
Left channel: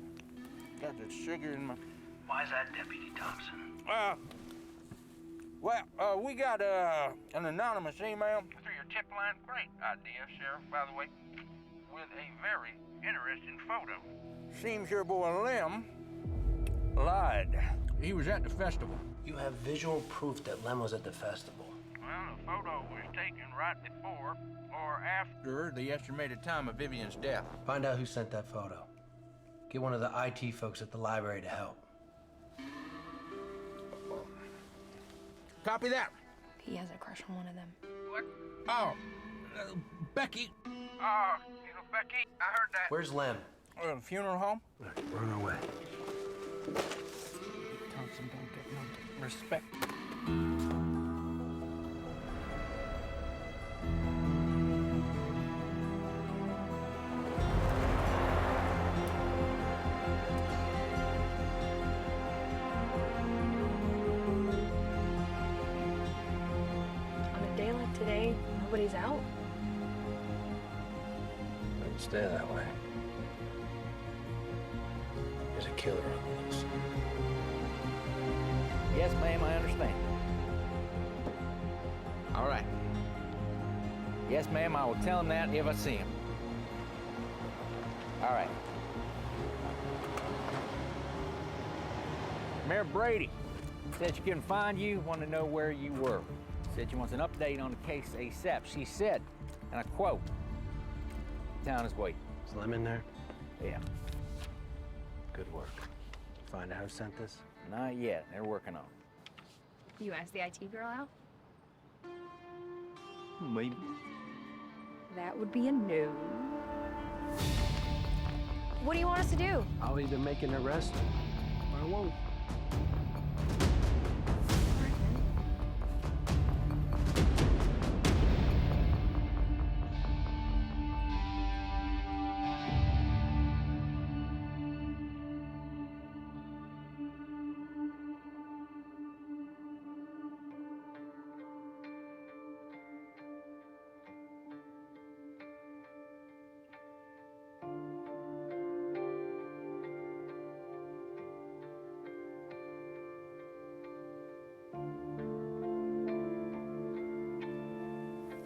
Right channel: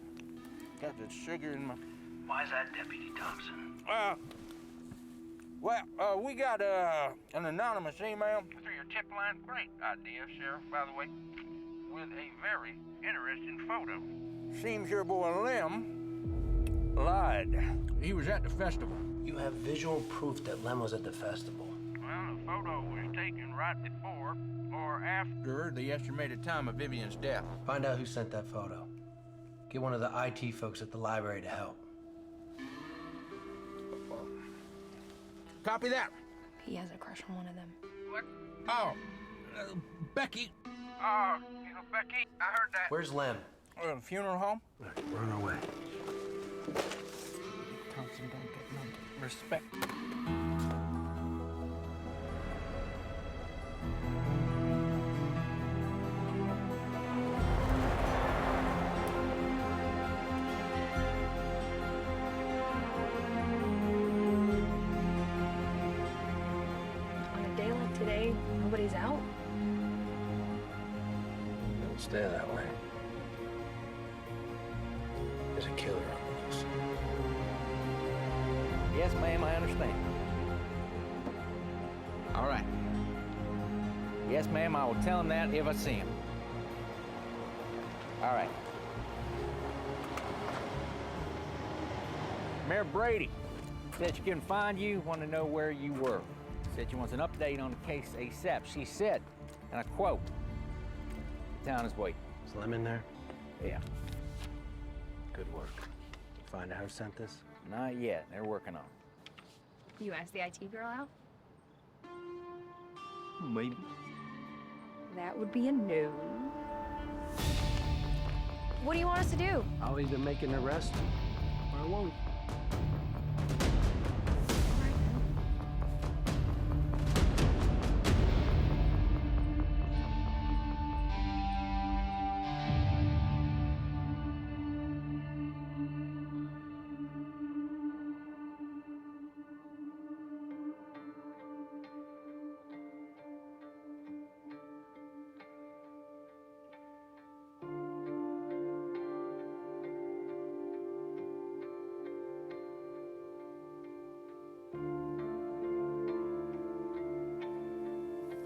got the sugar in my... Why's that, Deputy Thompson? We got an anonymous email. Through your tip line? Great idea, Sheriff, by the way. With a very interesting photo. Seems your boy Lem lied. He was at the festival. You have visual proof that Lem was at the festival. Well, the photo was taken right before or after The estimated time of Vivian's death. Find out who sent that photo. Get one of the IT folks at the library to help. Copy that. He has a crush on one of them. What? Oh, Becky. Becky, I heard that. Where's Lem? Funeral home? We're on our way. Thompson don't get no respect. On a day like today, nobody's out. It'll stay that way. There's a killer on the loose. Yes, ma'am, I understand. All right. Yes, ma'am, I will tell him that if I see him. All right. Mayor Brady said she couldn't find you, wanted to know where you were. Said she wants an update on the case ASAP. She said, and I quote, "The town is waiting." Is Lem in there? Yeah. Good work. Find out who sent this? Not yet. They're working on it. You asked the IT girl out? Maybe. That would be a no. What do you want us to do? I'll either make an arrest or I won't. All right, then.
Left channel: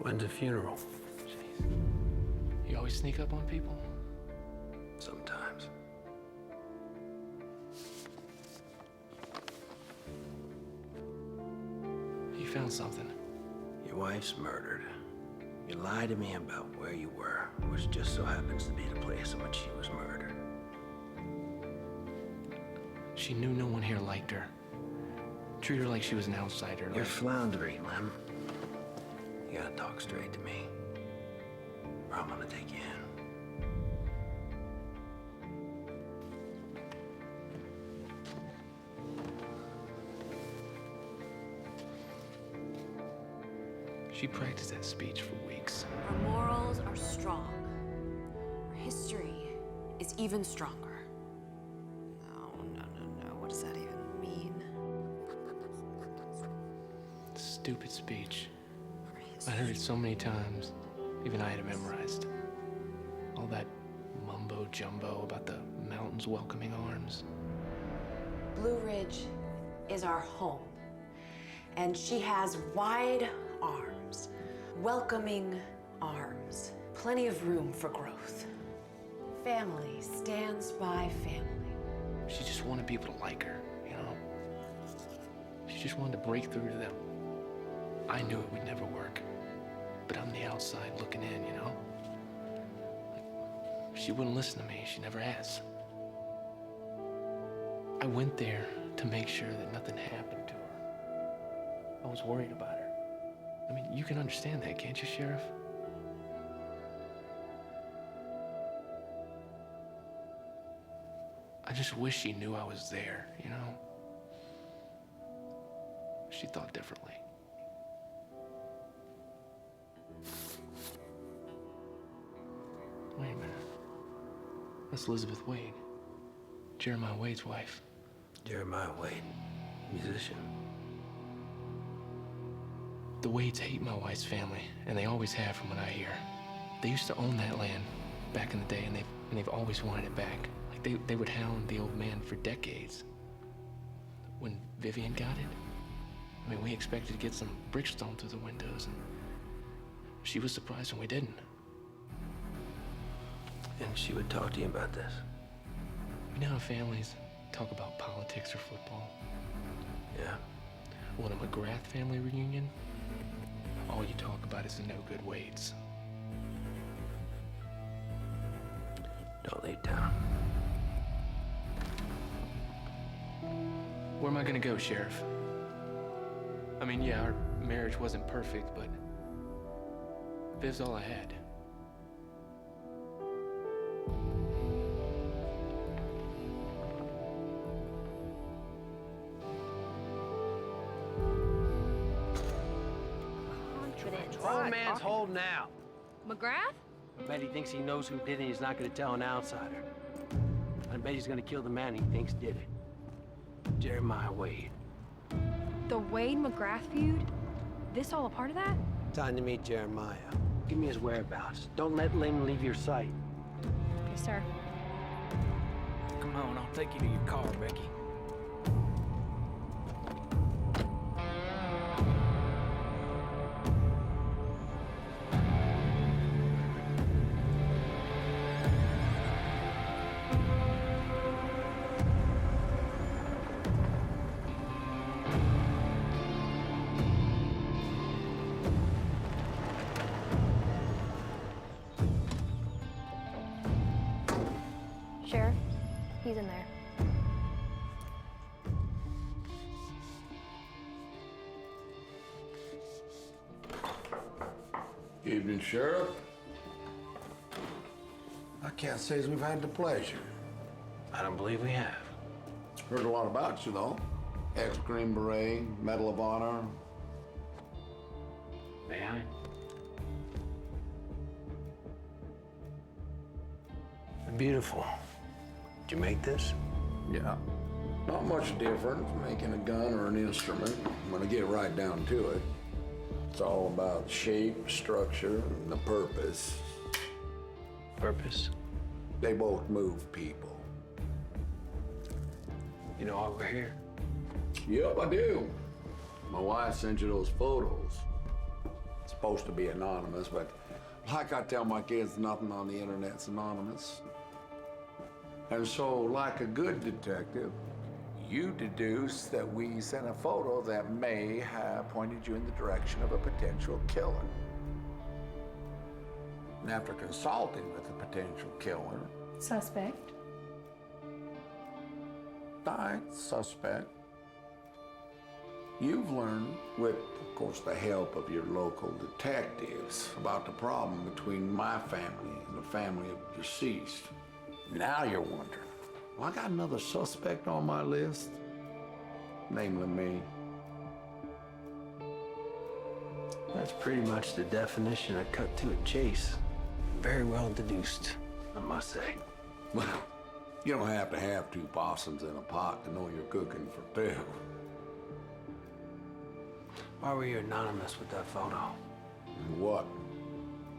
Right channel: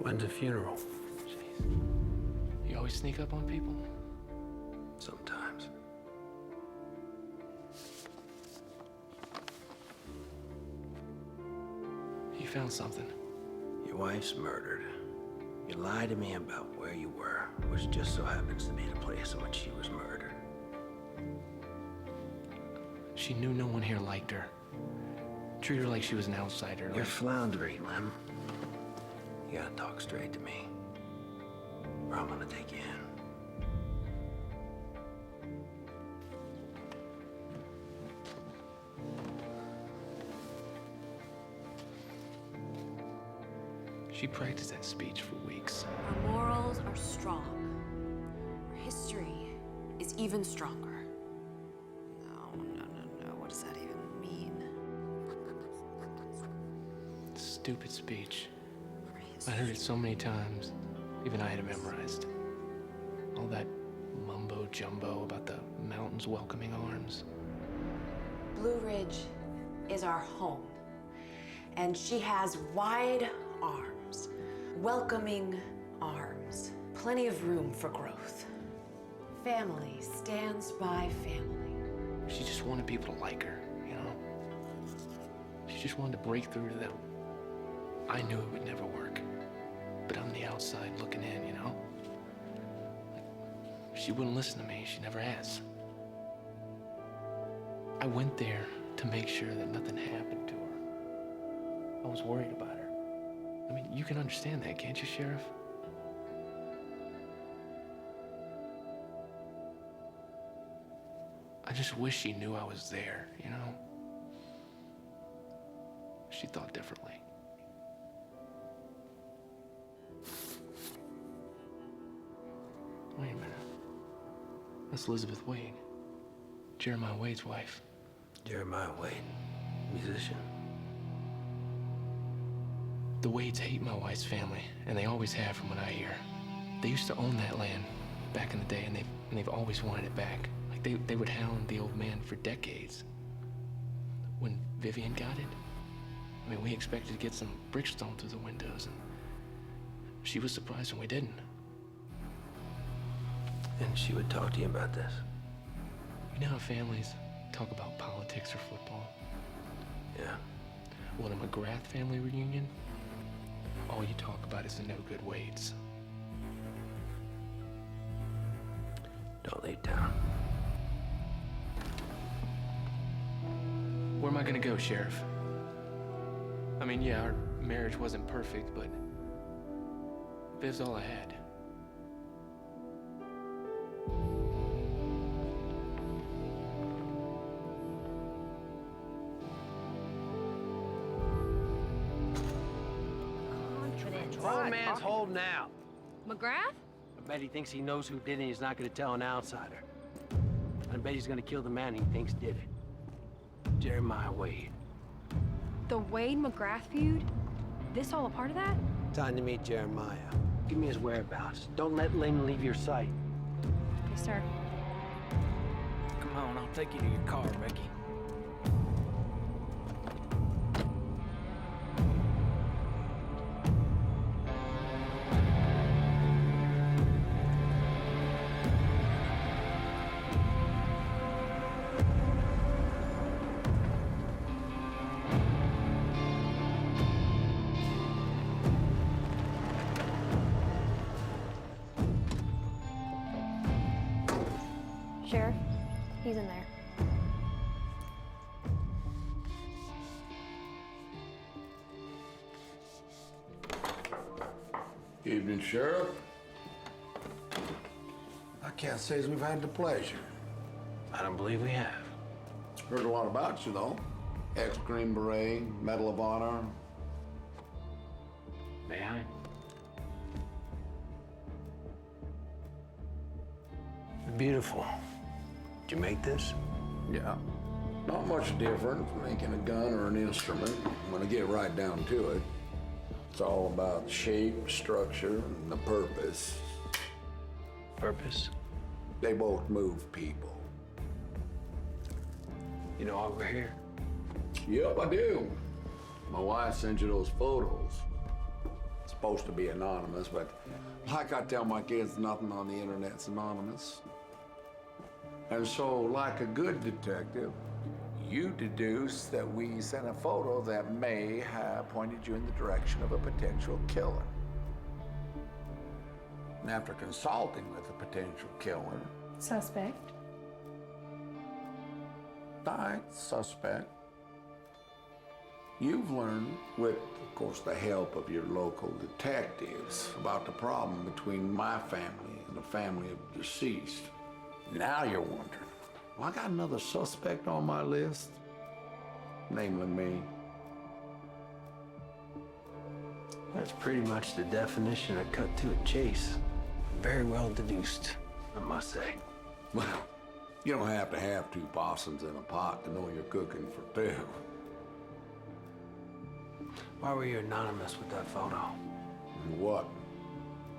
When's the funeral? Jeez. You always sneak up on people? Sometimes. You found something. Your wife's murdered. You lied to me about where you were, which just so happens to be the place in which she was murdered. She knew no one here liked her. Treat her like she was an outsider. You're like... floundering, Lem. You gotta talk straight to me, or I'm gonna take you in. She practiced that speech for weeks. Our morals are strong. Our history is even stronger. Oh, no. stupid speech. I heard it so many times, even I had it memorized. All that mumbo jumbo about the mountains welcoming arms. Blue Ridge is our home, and she has wide arms, welcoming arms, plenty of room for growth. Family stands by family. She just wanted people to like her, you know? She just wanted to break through to them. I knew it would never work, but I'm the outside looking in, you know? She wouldn't listen to me. She never has. I went there to make sure that nothing happened to her. I was worried about her. I mean, you can understand that, can't you, Sheriff? I just wish she knew I was there, you know? She thought differently. Wait a minute. That's Elizabeth Wade. Jeremiah Wade's wife. Jeremiah Wade, musician. The Wades hate my wife's family, and they always have from what I hear. They used to own that land back in the day, and they've always wanted it back. Like they would hound the old man for decades. When Vivian got it, I mean, we expected to get some bricks thrown through the windows, and she was surprised when we didn't. And she would talk to you about this? You know how families talk about politics or football? Yeah. Well, in a McGrath family reunion, all you talk about is the no-good Wades. Don't lay down. Where am I gonna go, Sheriff? I mean, yeah, our marriage wasn't perfect, but Viv's all I had. Confidence. Grown man's holding out. McGrath? I bet he thinks he knows who did it and he's not gonna tell an outsider. I bet he's gonna kill the man he thinks did it. Jeremiah Wade. The Wade-McGrath feud? This all a part of that? Time to meet Jeremiah. Give me his whereabouts. Don't let Lynn leave your sight. Yes, sir. Come on, I'll take you to your car, Becky. Sheriff, he's in there. Evening, Sheriff. I can't say as we've had the pleasure. I don't believe we have. Heard a lot about you, though. Ex-Green Beret, Medal of Honor. May I? Beautiful. Did you make this? Yeah. Not much difference making a gun or an instrument when I get right down to it. It's all about shape, structure, and the purpose. Purpose? They both move people. You know why we're here? Yep, I do. My wife sent you those photos. It's supposed to be anonymous, but like I tell my kids, nothing on the internet's anonymous. And so, like a good detective, you deduce that we sent a photo that may have pointed you in the direction of a potential killer. And after consulting with the potential killer, Suspect. suspect, you've learned, with, of course, the help of your local detectives, about the problem between my family and the family of the deceased. Now you're wondering, well, I got another suspect on my list, namely me. That's pretty much the definition of cut to a chase. Very well deduced, I must say. Well, you don't have to have two possums in a pot to know you're cooking for two. Why were you anonymous with that photo? And what?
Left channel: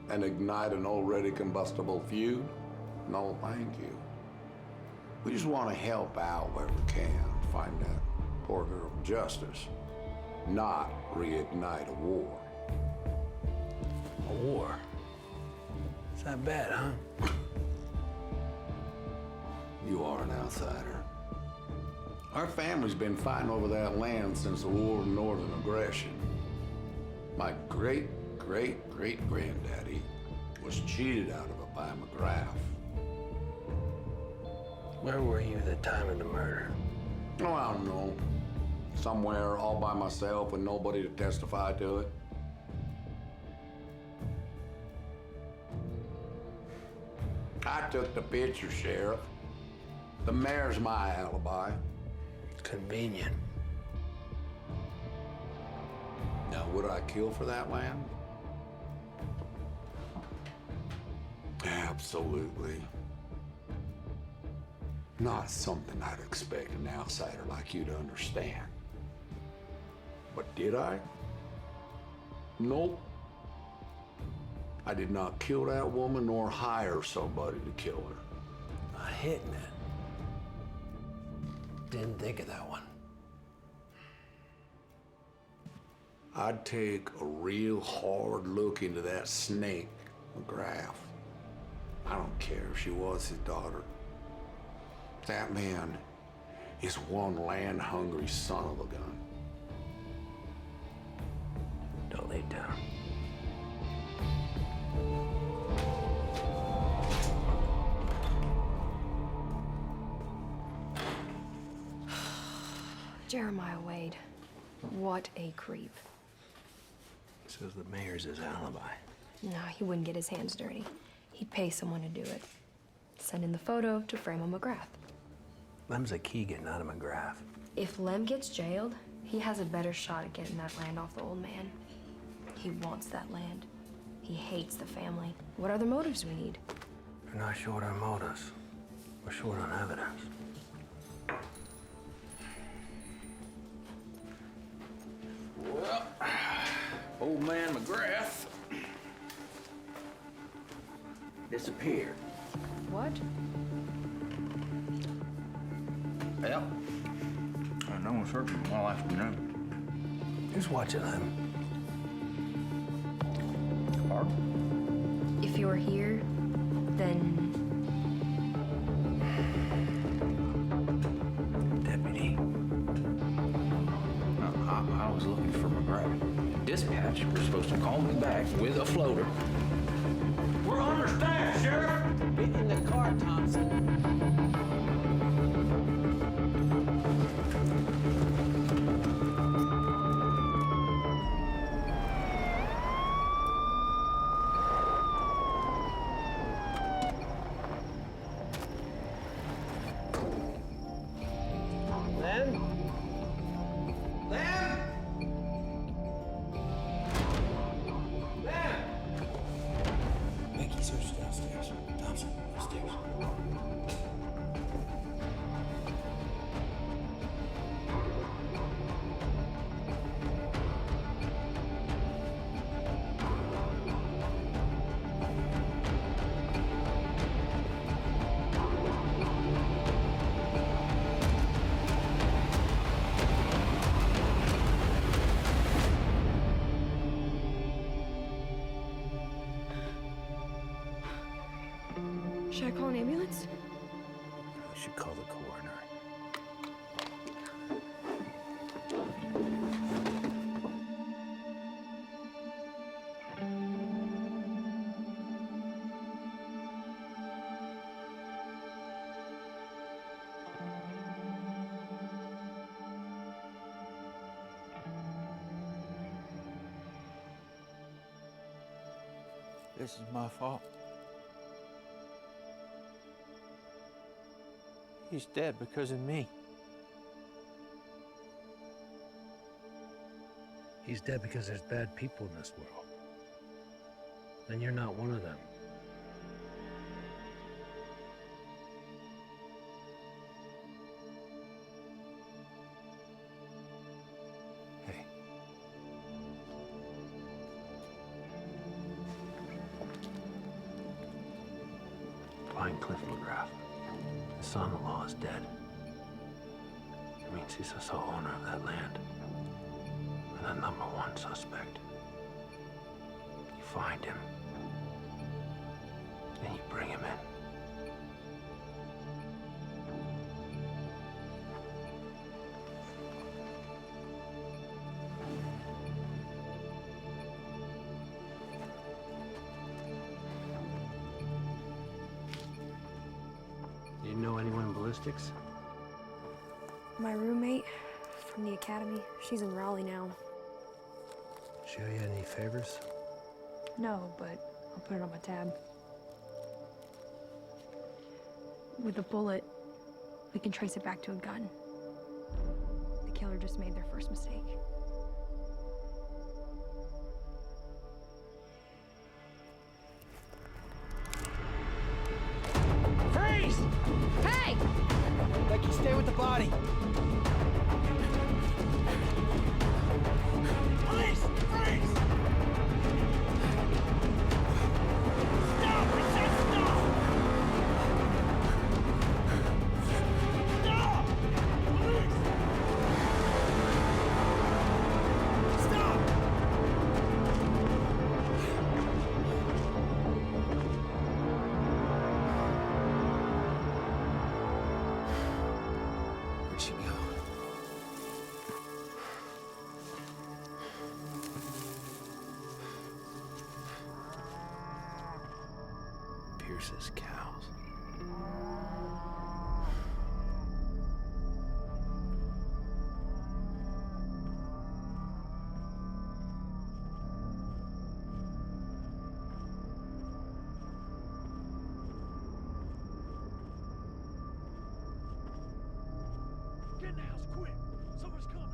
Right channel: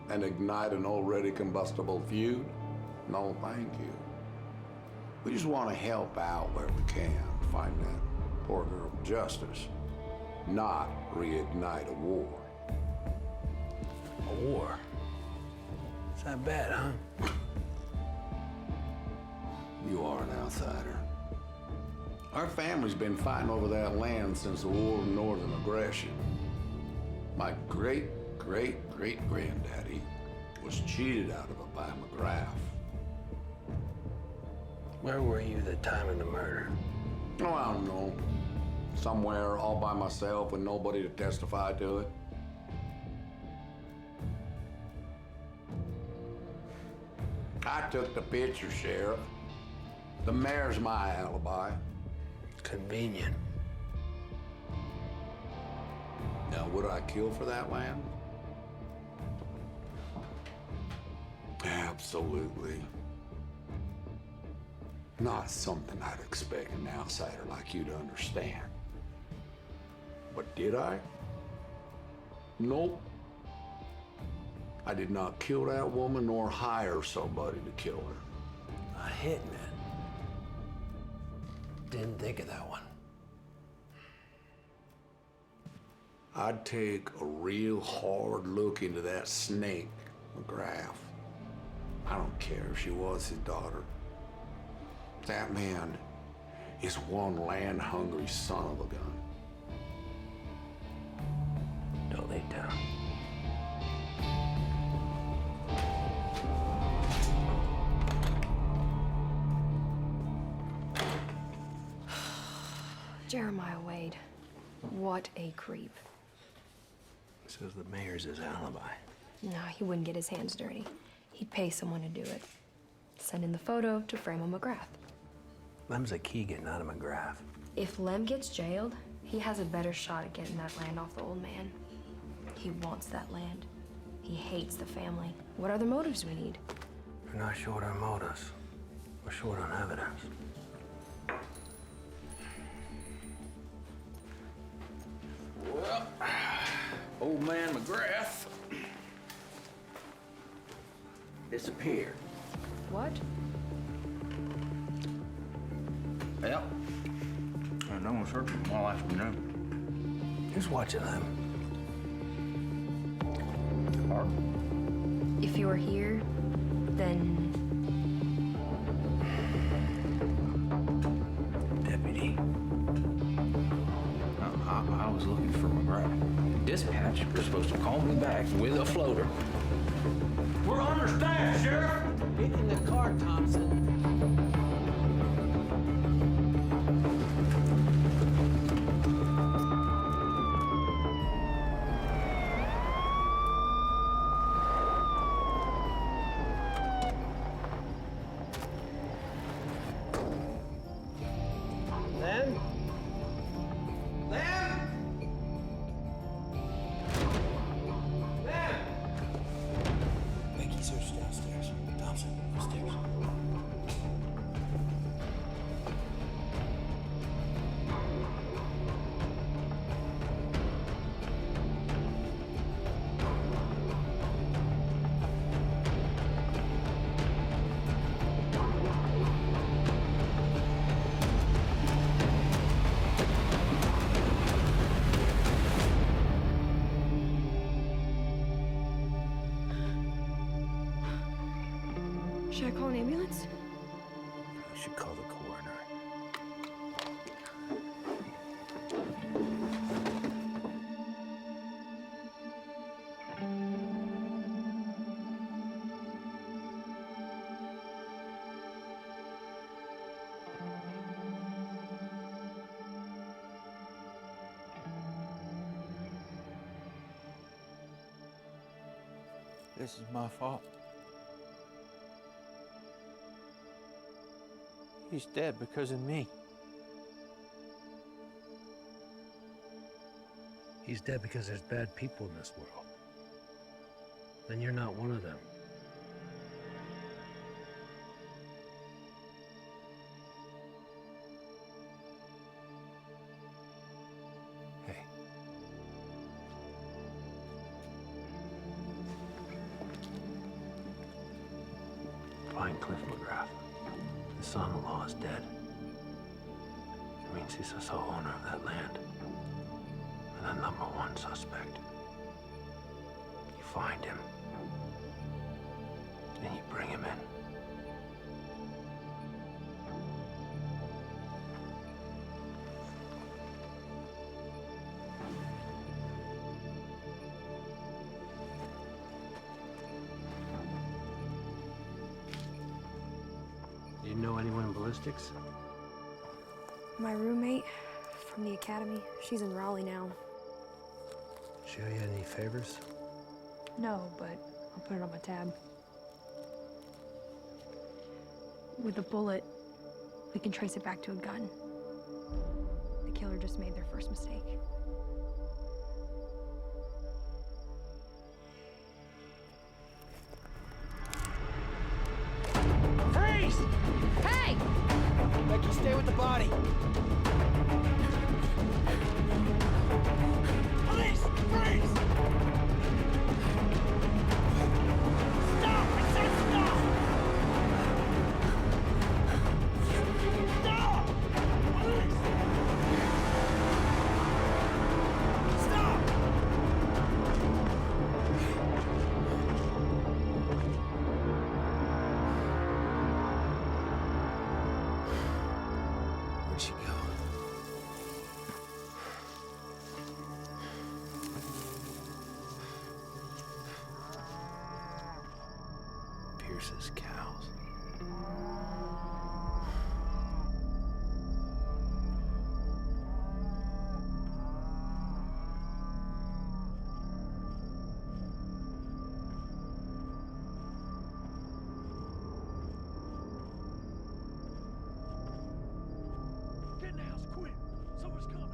And ignite an already combustible feud? No, thank you. We just want to help out where we can, find that poor girl justice, not reignite a war. A war? It's that bad, huh? You are an outsider. Our family's been fighting over that land since the War of Northern Aggression. My great-great-great-granddaddy was cheated out of it by McGrath. Where were you the time of the murder? Oh, I don't know. Somewhere all by myself with nobody to testify to it. I took the picture, Sheriff. The mayor's my alibi. Convenient. Now, would I kill for that land? Absolutely. Not something I'd expect an outsider like you to understand. But did I? Nope. I did not kill that woman nor hire somebody to kill her. A hitman. Didn't think of that one. I'd take a real hard look into that snake, McGrath. I don't care if she was his daughter. That man is one land-hungry son of a gun. Don't lay down. Jeremiah Wade. What a creep. Says the mayor's his alibi. No, he wouldn't get his hands dirty. He'd pay someone to do it. Send in the photo to frame a McGrath. Lem's a Keegan, not a McGrath. If Lem gets jailed, he has a better shot at getting that land off the old man. He wants that land. He hates the family. What other motives do we need? We're not short on motives. We're short on evidence. Well, old man McGrath disappeared. What? Well, I've known certain all afternoon. Who's watching them? Pardon? If you're here, then... Deputy. No, I was looking for McGrath. And dispatch was supposed to call me back with a floater. We're understaffed, Sheriff! Get in the car, Thompson. Lem? Lem? Lem? Becky, search downstairs. Thompson, upstairs. Should I call an ambulance? I should call the coroner. This is my fault. He's dead because of me. He's dead because there's bad people in this world. Then you're not one of them. Hey, find Cliff McGrath. His son-in-law is dead. It means he's the sole owner of that land. And the #1 suspect. You find him. And you bring him in. Do you know anyone in ballistics? My roommate from the academy, she's in Raleigh now. She owe you any favors? No, but I'll put it on my tab. With a bullet, we can trace it back to a gun. The killer just made their first mistake. Freeze! Hey! Becky, stay with the body. Police! Freeze! Stop! I said stop! Stop! Police! Stop! Where'd she go? Pierce's cows. Get in the house quick! Someone's coming!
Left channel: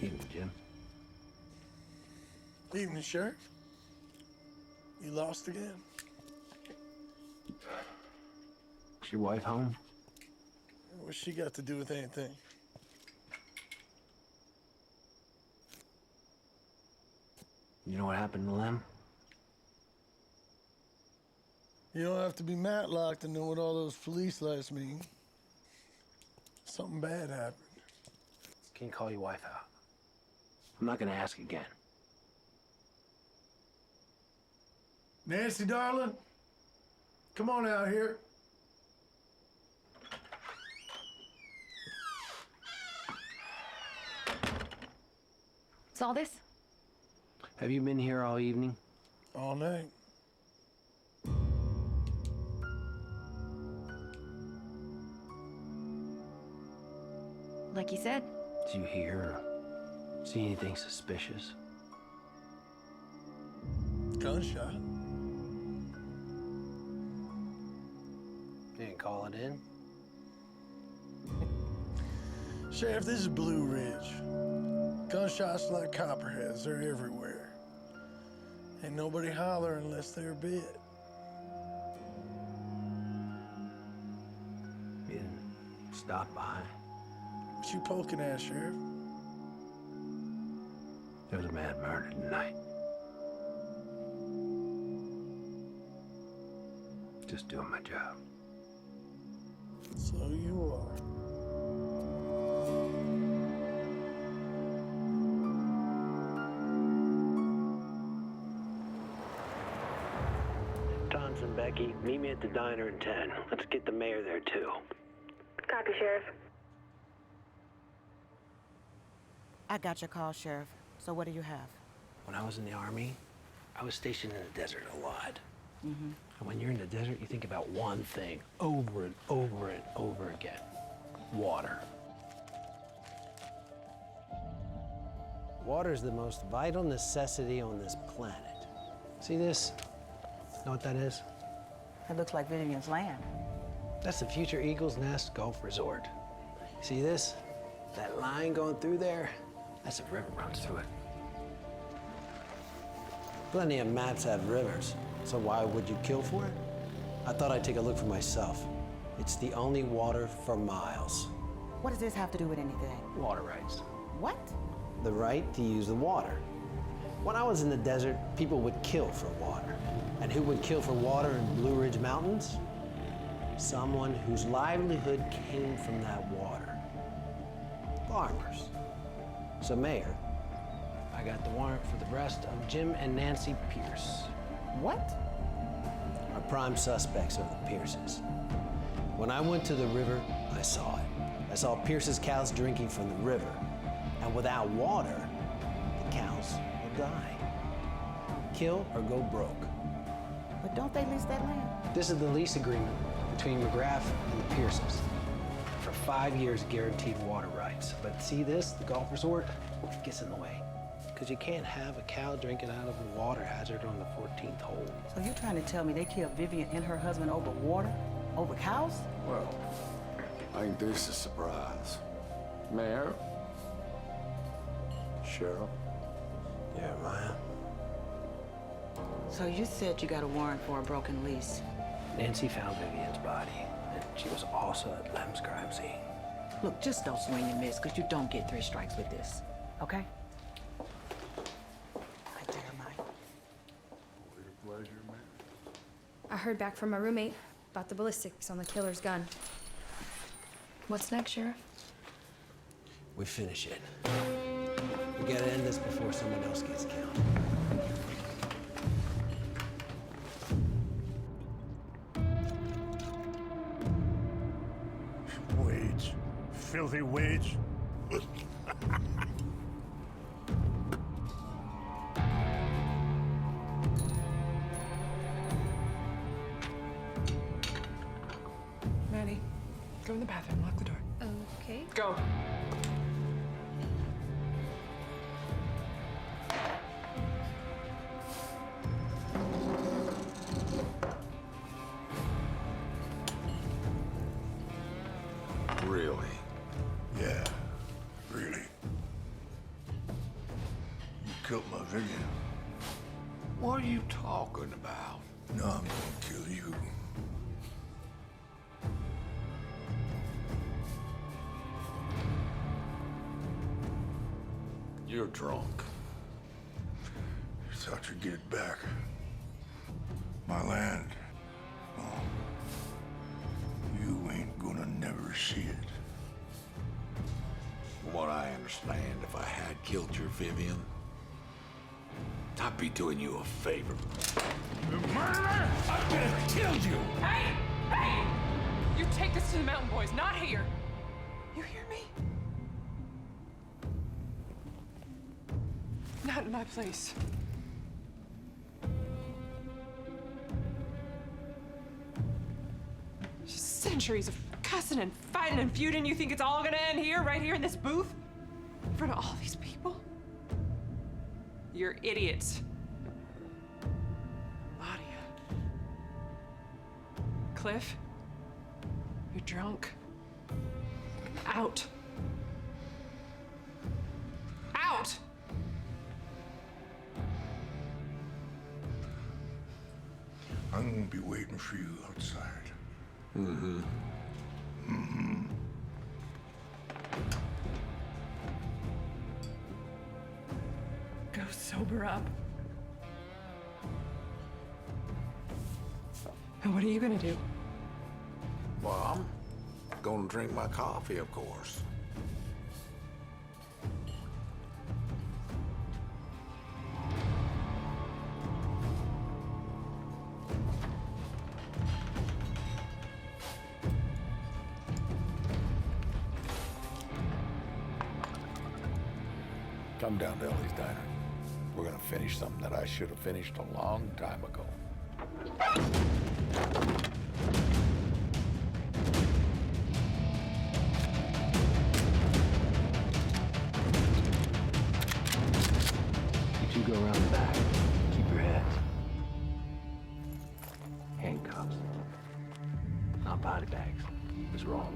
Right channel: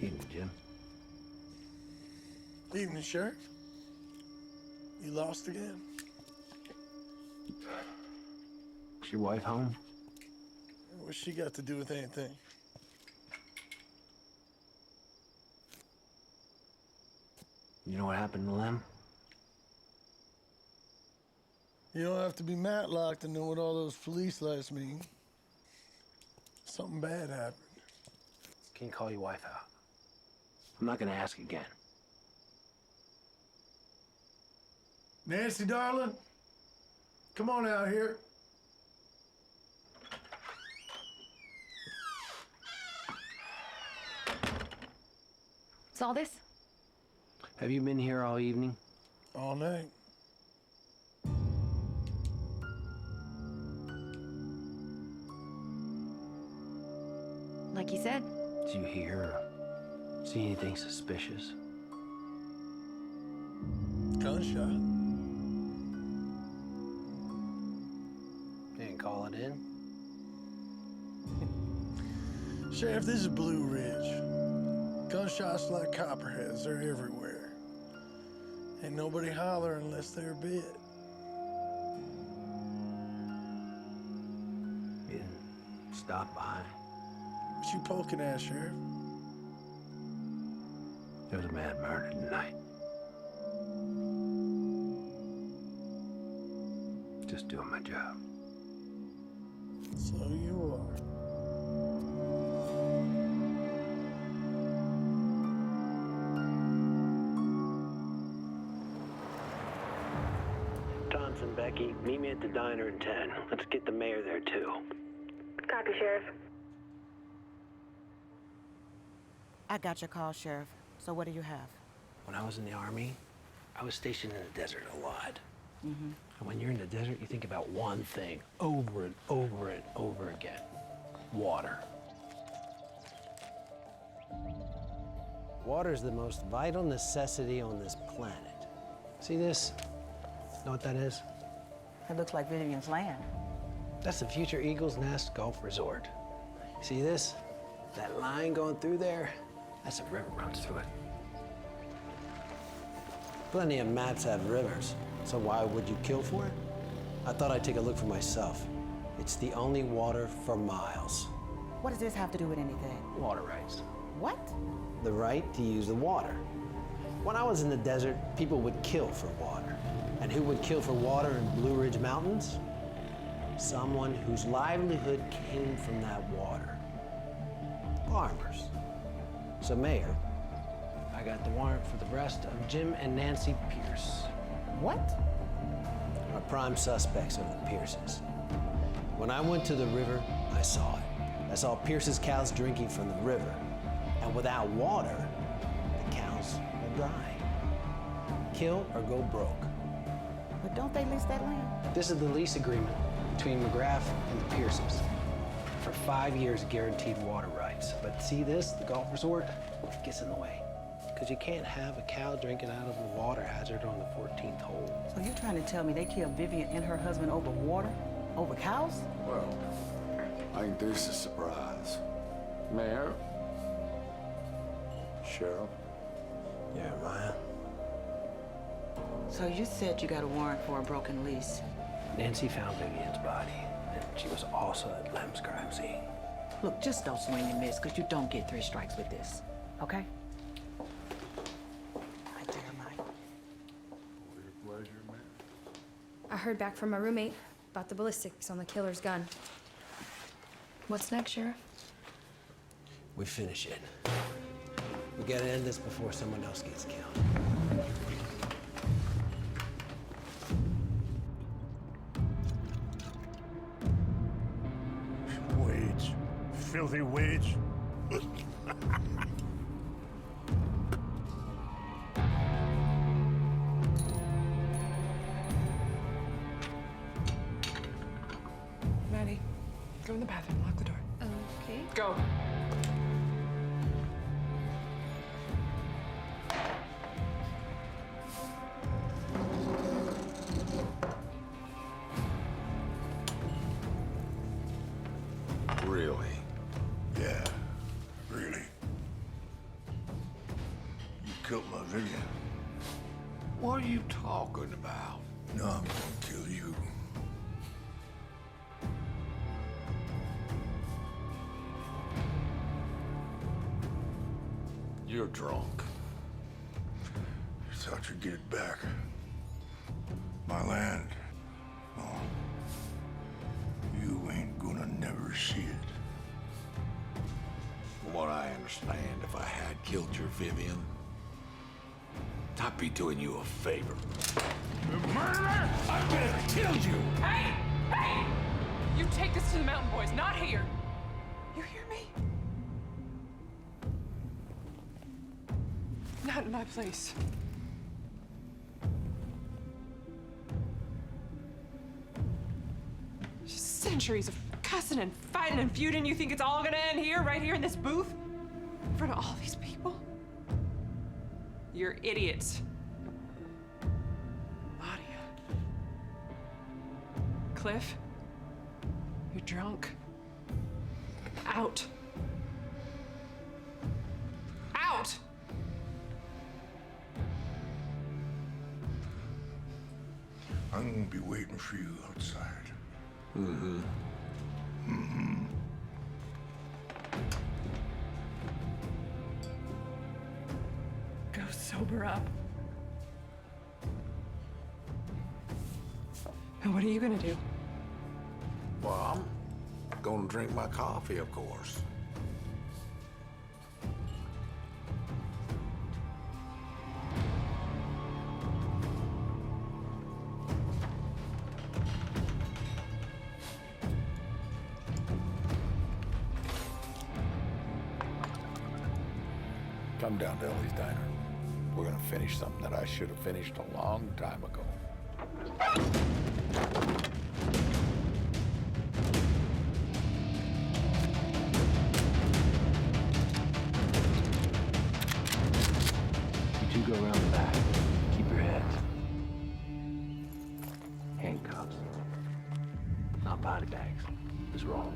Evening, Jim. Evening, Sheriff. You lost again? Is your wife home? What's she got to do with anything? You know what happened to Lem? You don't have to be Matlock to know what all those police lights mean. Something bad happened. Can you call your wife out? I'm not gonna ask again. Nancy, darling, come on out here. What's all this? Have you been here all evening? All night. Like you said. Did you hear or see anything suspicious? Gunshot. Didn't call it in? Sheriff, this is Blue Ridge. Gunshots like copperheads, they're everywhere. Ain't nobody holler unless they're bit. You didn't stop by? What you poking at, Sheriff? There was a man murdered tonight. Just doing my job. So you are. Tonson, Becky, meet me at the diner in 10. Let's get the mayor there, too. Copy, Sheriff. I got your call, Sheriff. So what do you have? When I was in the Army, I was stationed in the desert a lot. Mm-hmm. And when you're in the desert, you think about one thing over and over and over again. Water. Water is the most vital necessity on this planet. See this? Know what that is? It looks like Vivian's land. That's the future Eagles Nest Golf Resort. See this? That line going through there? That's a river runs through it. Plenty of maps have rivers, so why would you kill for it? I thought I'd take a look for myself. It's the only water for miles. What does this have to do with anything? Water rights. What? The right to use the water. When I was in the desert, people would kill for water. And who would kill for water in Blue Ridge Mountains? Someone whose livelihood came from that water. Farmers. So, Mayor, I got the warrant for the arrest of Jim and Nancy Pierce. What? Our prime suspects are the Pierces. When I went to the river, I saw it. I saw Pierce's cows drinking from the river. And without water, the cows will die. Kill or go broke. But don't they lease that land? This is the lease agreement between McGrath and the Pierces. For 5 years, guaranteed water rights. But see this, the golf resort, gets in the way. Because you can't have a cow drinking out of a water hazard on the 14th hole. So you're trying to tell me they killed Vivian and her husband over water? Over cows? Well, I think this is a surprise. Mayor? Sheriff? Yeah, Maya. So you said you got a warrant for a broken lease. Nancy found Vivian's body, and she was also at Lem's crime scene. Look, just don't swing and miss, because you don't get 3 strikes with this, okay? Right there, Mike. Your pleasure, man. I heard back from my roommate about the ballistics on the killer's gun. What's next, Sheriff? We finish it. We gotta end this before someone else gets killed. Wage. Filthy wage. Maddie, go in the bathroom, lock the door. Okay. Go. Really? Yeah, really. You killed my Vivian. What are you talking about? No, I'm gonna kill you. You're drunk. You thought you'd get it back. My land. Well, you ain't gonna never see it. From what I understand, if I had killed your Vivian, I'd be doing you a favor. Murderer! I could have killed you! Hey! Hey! You take this to the mountain boys, not here. You hear me? Not in my place. Just centuries of cussing and fighting and feuding. You think it's all gonna end here, right here in this booth? In front of all these people? You're idiots. A lot of you. Cliff, you're drunk. Out. Out! I'm gonna be waiting for you outside. Mm-hmm. Mm-hmm. Go sober up. And what are you gonna do? Well, I'm gonna drink my coffee, of course. Come down to Ellie's Diner. We're gonna finish something that I should have finished a long time ago. You two go around the back. Keep your heads. Handcuffs. Not body bags. Just roll.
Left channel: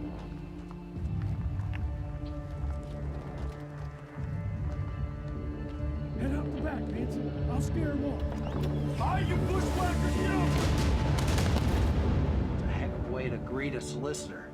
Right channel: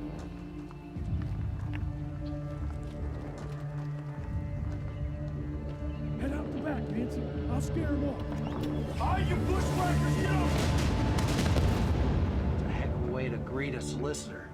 Head out the back, Nancy. I'll scare them off. All right, you bushwhackers, get off! It's a heck of a way way to greet a solicitor.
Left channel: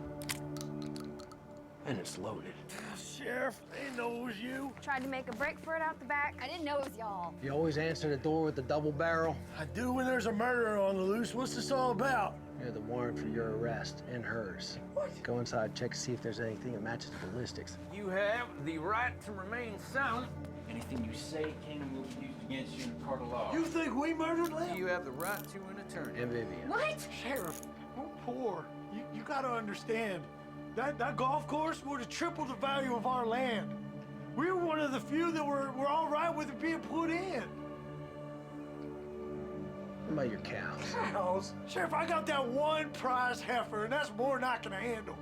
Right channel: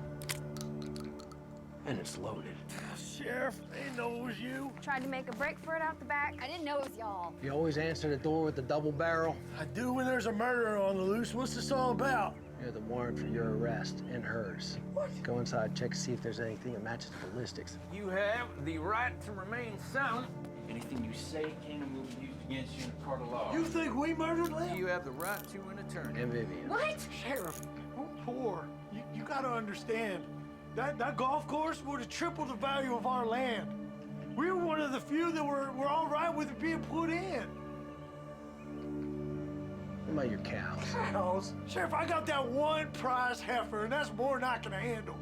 And it's loaded. Sheriff, they know it was you. Tried to make a break for it out the back. I didn't know it was y'all. You always answer the door with the double barrel. I do when there's a murderer on the loose. What's this all about? You're the warrant for your arrest and hers. What? Go inside, check to see if there's anything that matches the ballistics. You have the right to remain silent. Anything you say can and will be used against you in a court of law. You think we murdered Lem? You have the right to an attorney. And Vivian. What? Sheriff, we're poor. You gotta understand. That golf course would have tripled the value of our land. We were one of the few that were all right with it being put in. What about your cows? Cows? Sheriff, I got that one prize heifer, and that's more than I can handle.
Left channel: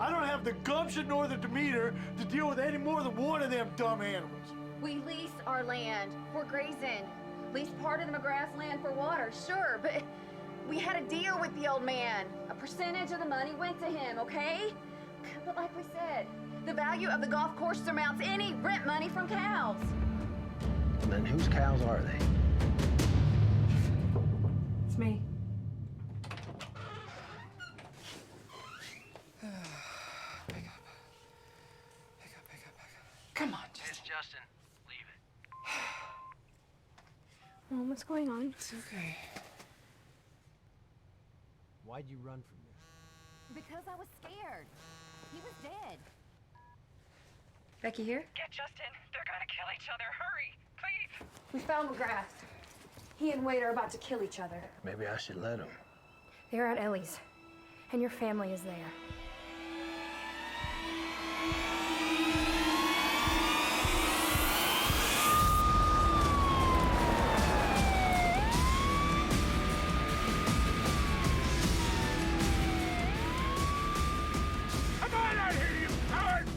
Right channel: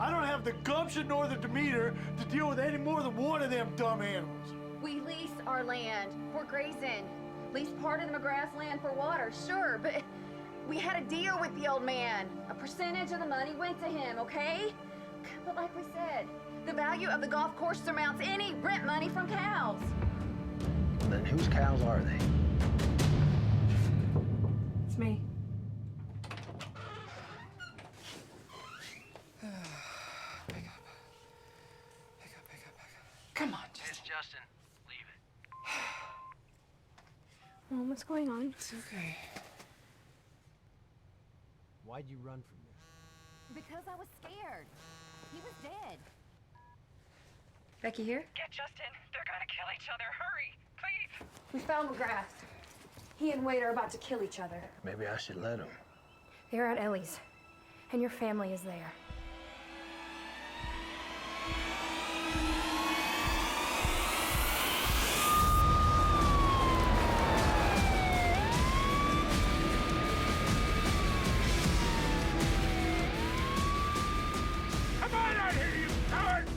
I don't have the gumption nor the demeanor to deal with any more than one of them dumb animals. We lease our land for grazing. Lease part of the McGrath land for water, sure, but we had a deal with the old man. A percentage of the money went to him, okay? But like we said, the value of the golf course surmounts any rent money from cows. Well, then whose cows are they? It's me. Come on, It's Justin. Leave it. Mom, what's going on? It's okay. Why'd you run from this? Because I was scared. He was dead. Becky here? Get Justin. They're gonna kill each other. Hurry, please. We found McGrath. He and Wade are about to kill each other. Maybe I should let him. They're at Ellie's, and your family is there. Come on out here, you coward!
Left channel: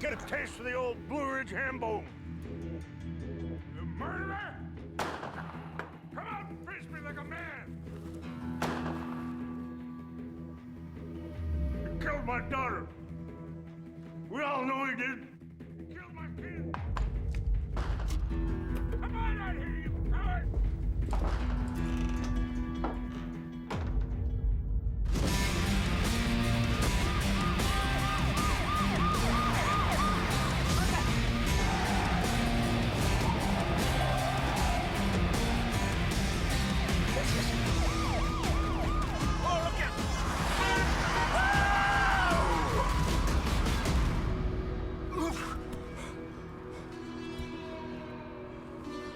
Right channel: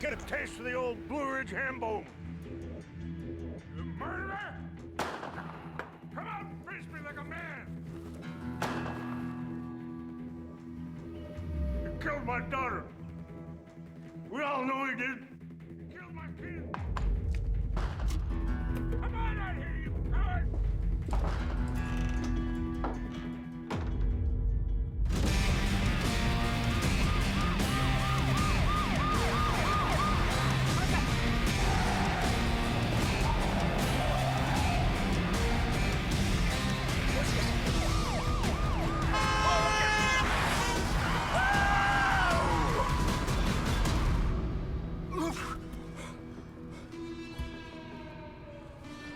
Get a taste of the old Blue Ridge ham bone. You murderer! Come out and face me like a man! You killed my daughter. We all know you did. You killed my kid. Come on out here, you coward! What's this?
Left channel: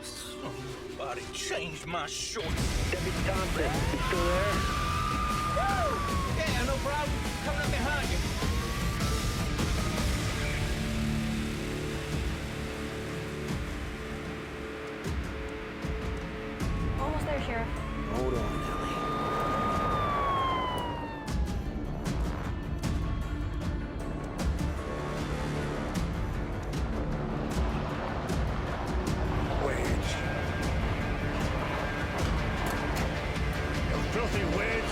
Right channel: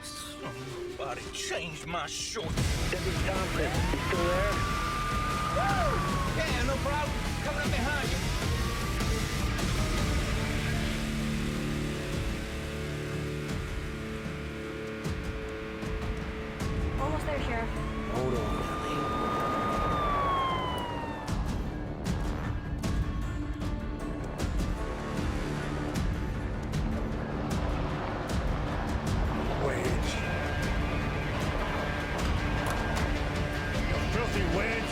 Somebody change my shorts. Deputy Thompson, you still there? Woo! Yeah, no problem. Coming up behind you. Almost there, Sheriff. Hold on, Ellie. Wedge. You filthy wedge.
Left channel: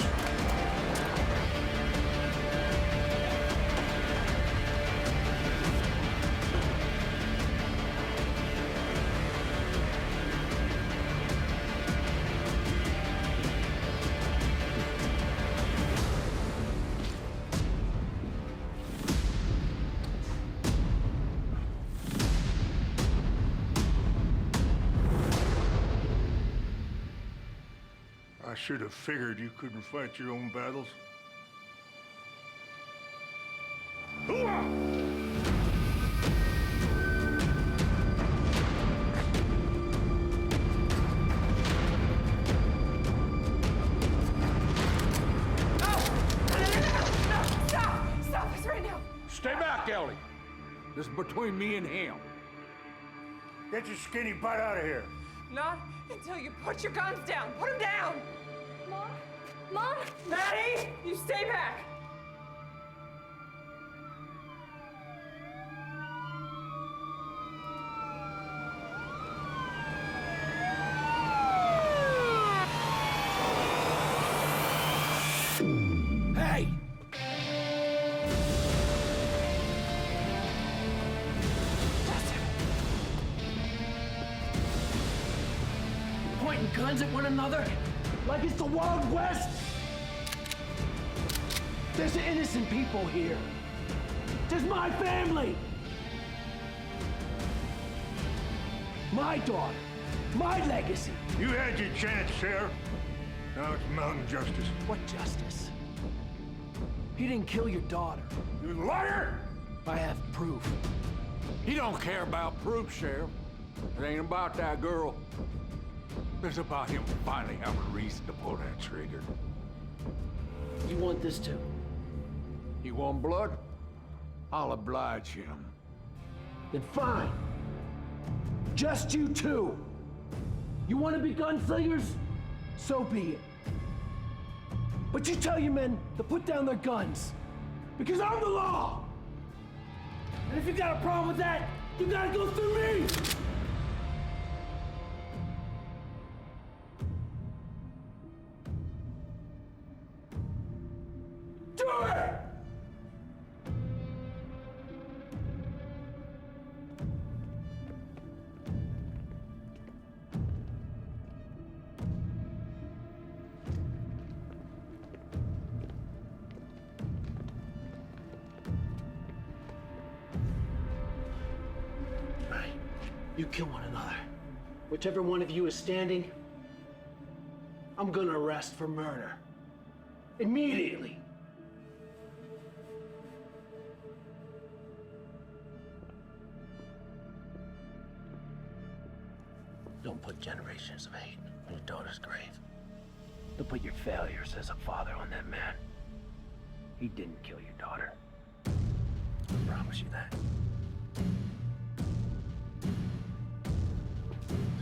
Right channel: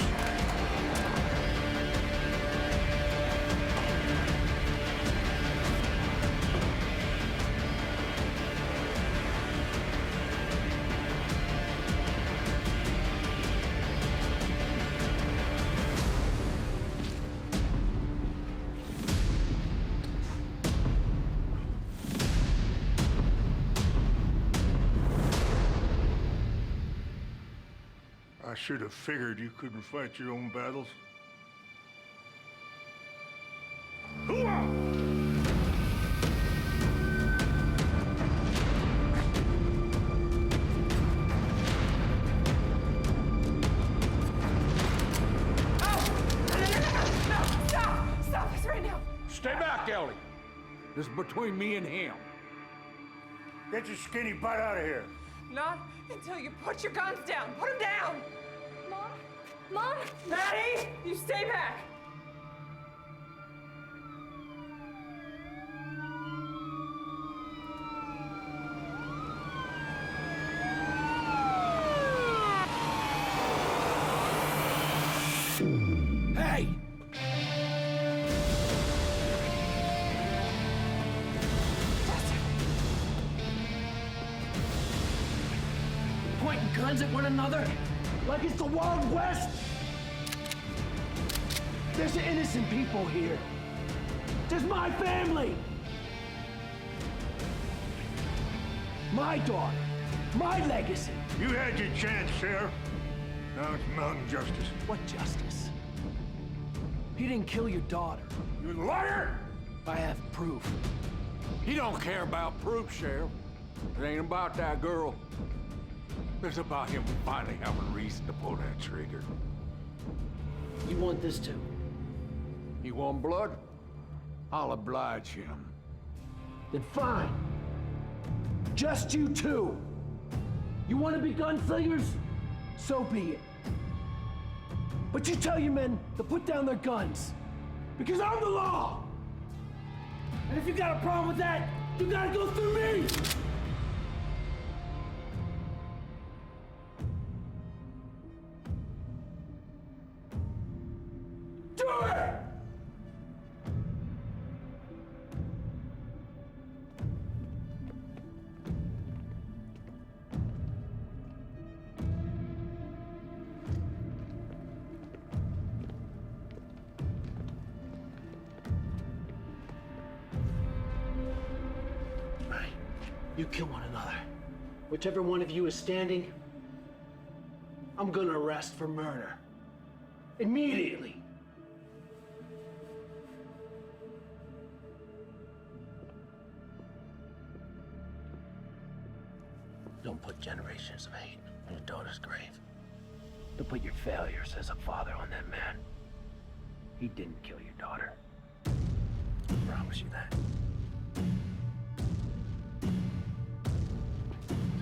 I should have figured you couldn't fight your own battles. Hooah! No! Stop! Stop this right now! Stay back, Ellie. This is between me and him. Get your skinny butt out of here. Not until you put your guns down. Put them down! Mom? Mom? Maddie! You stay back! Hey! Justin! Pointing guns at one another like it's the Wild West. There's innocent people here. There's my family. My daughter. My legacy. You had your chance, Sheriff. Now it's mountain justice. What justice? He didn't kill your daughter. You liar! I have proof. He don't care about proof, Sheriff. It ain't about that girl. It's about him finally having reason to pull that trigger. You want this too? You want blood? I'll oblige him. Then fine. Just you two. You want to be gunslingers? So be it. But you tell your men to put down their guns. Because I'm the law! And if you got a problem with that, you gotta go through me! Do it! You kill one another. Whichever one of you is standing, I'm gonna arrest for murder. Immediately. Don't put generations of hate on your daughter's grave. Don't put your failures as a father on that man. He didn't kill your daughter. I promise you that.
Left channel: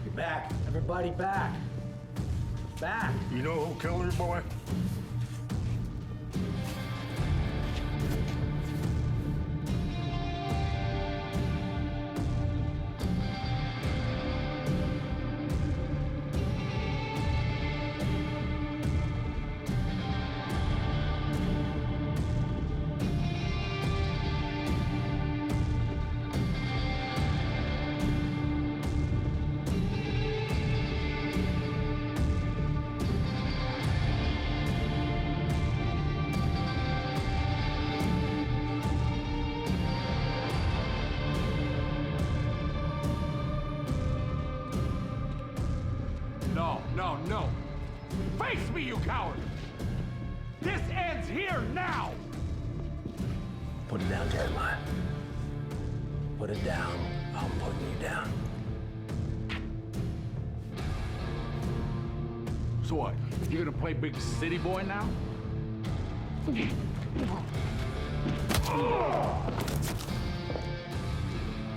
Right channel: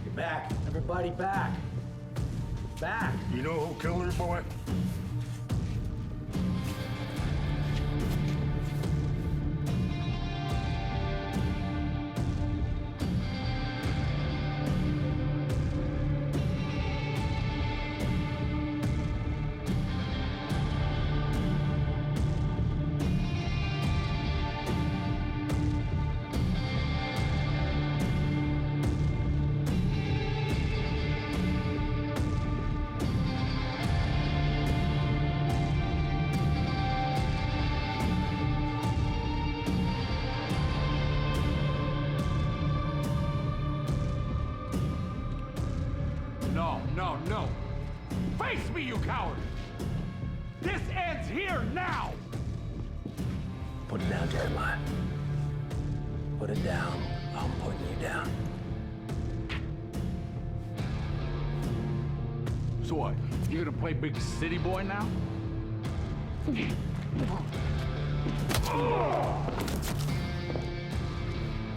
Get back. Everybody back. Back. You know who killed her, boy? No. Face me, you coward! This ends here now! Put it down, Jeremiah. Put it down. I'm putting you down. So what? You gonna play big city boy now? Get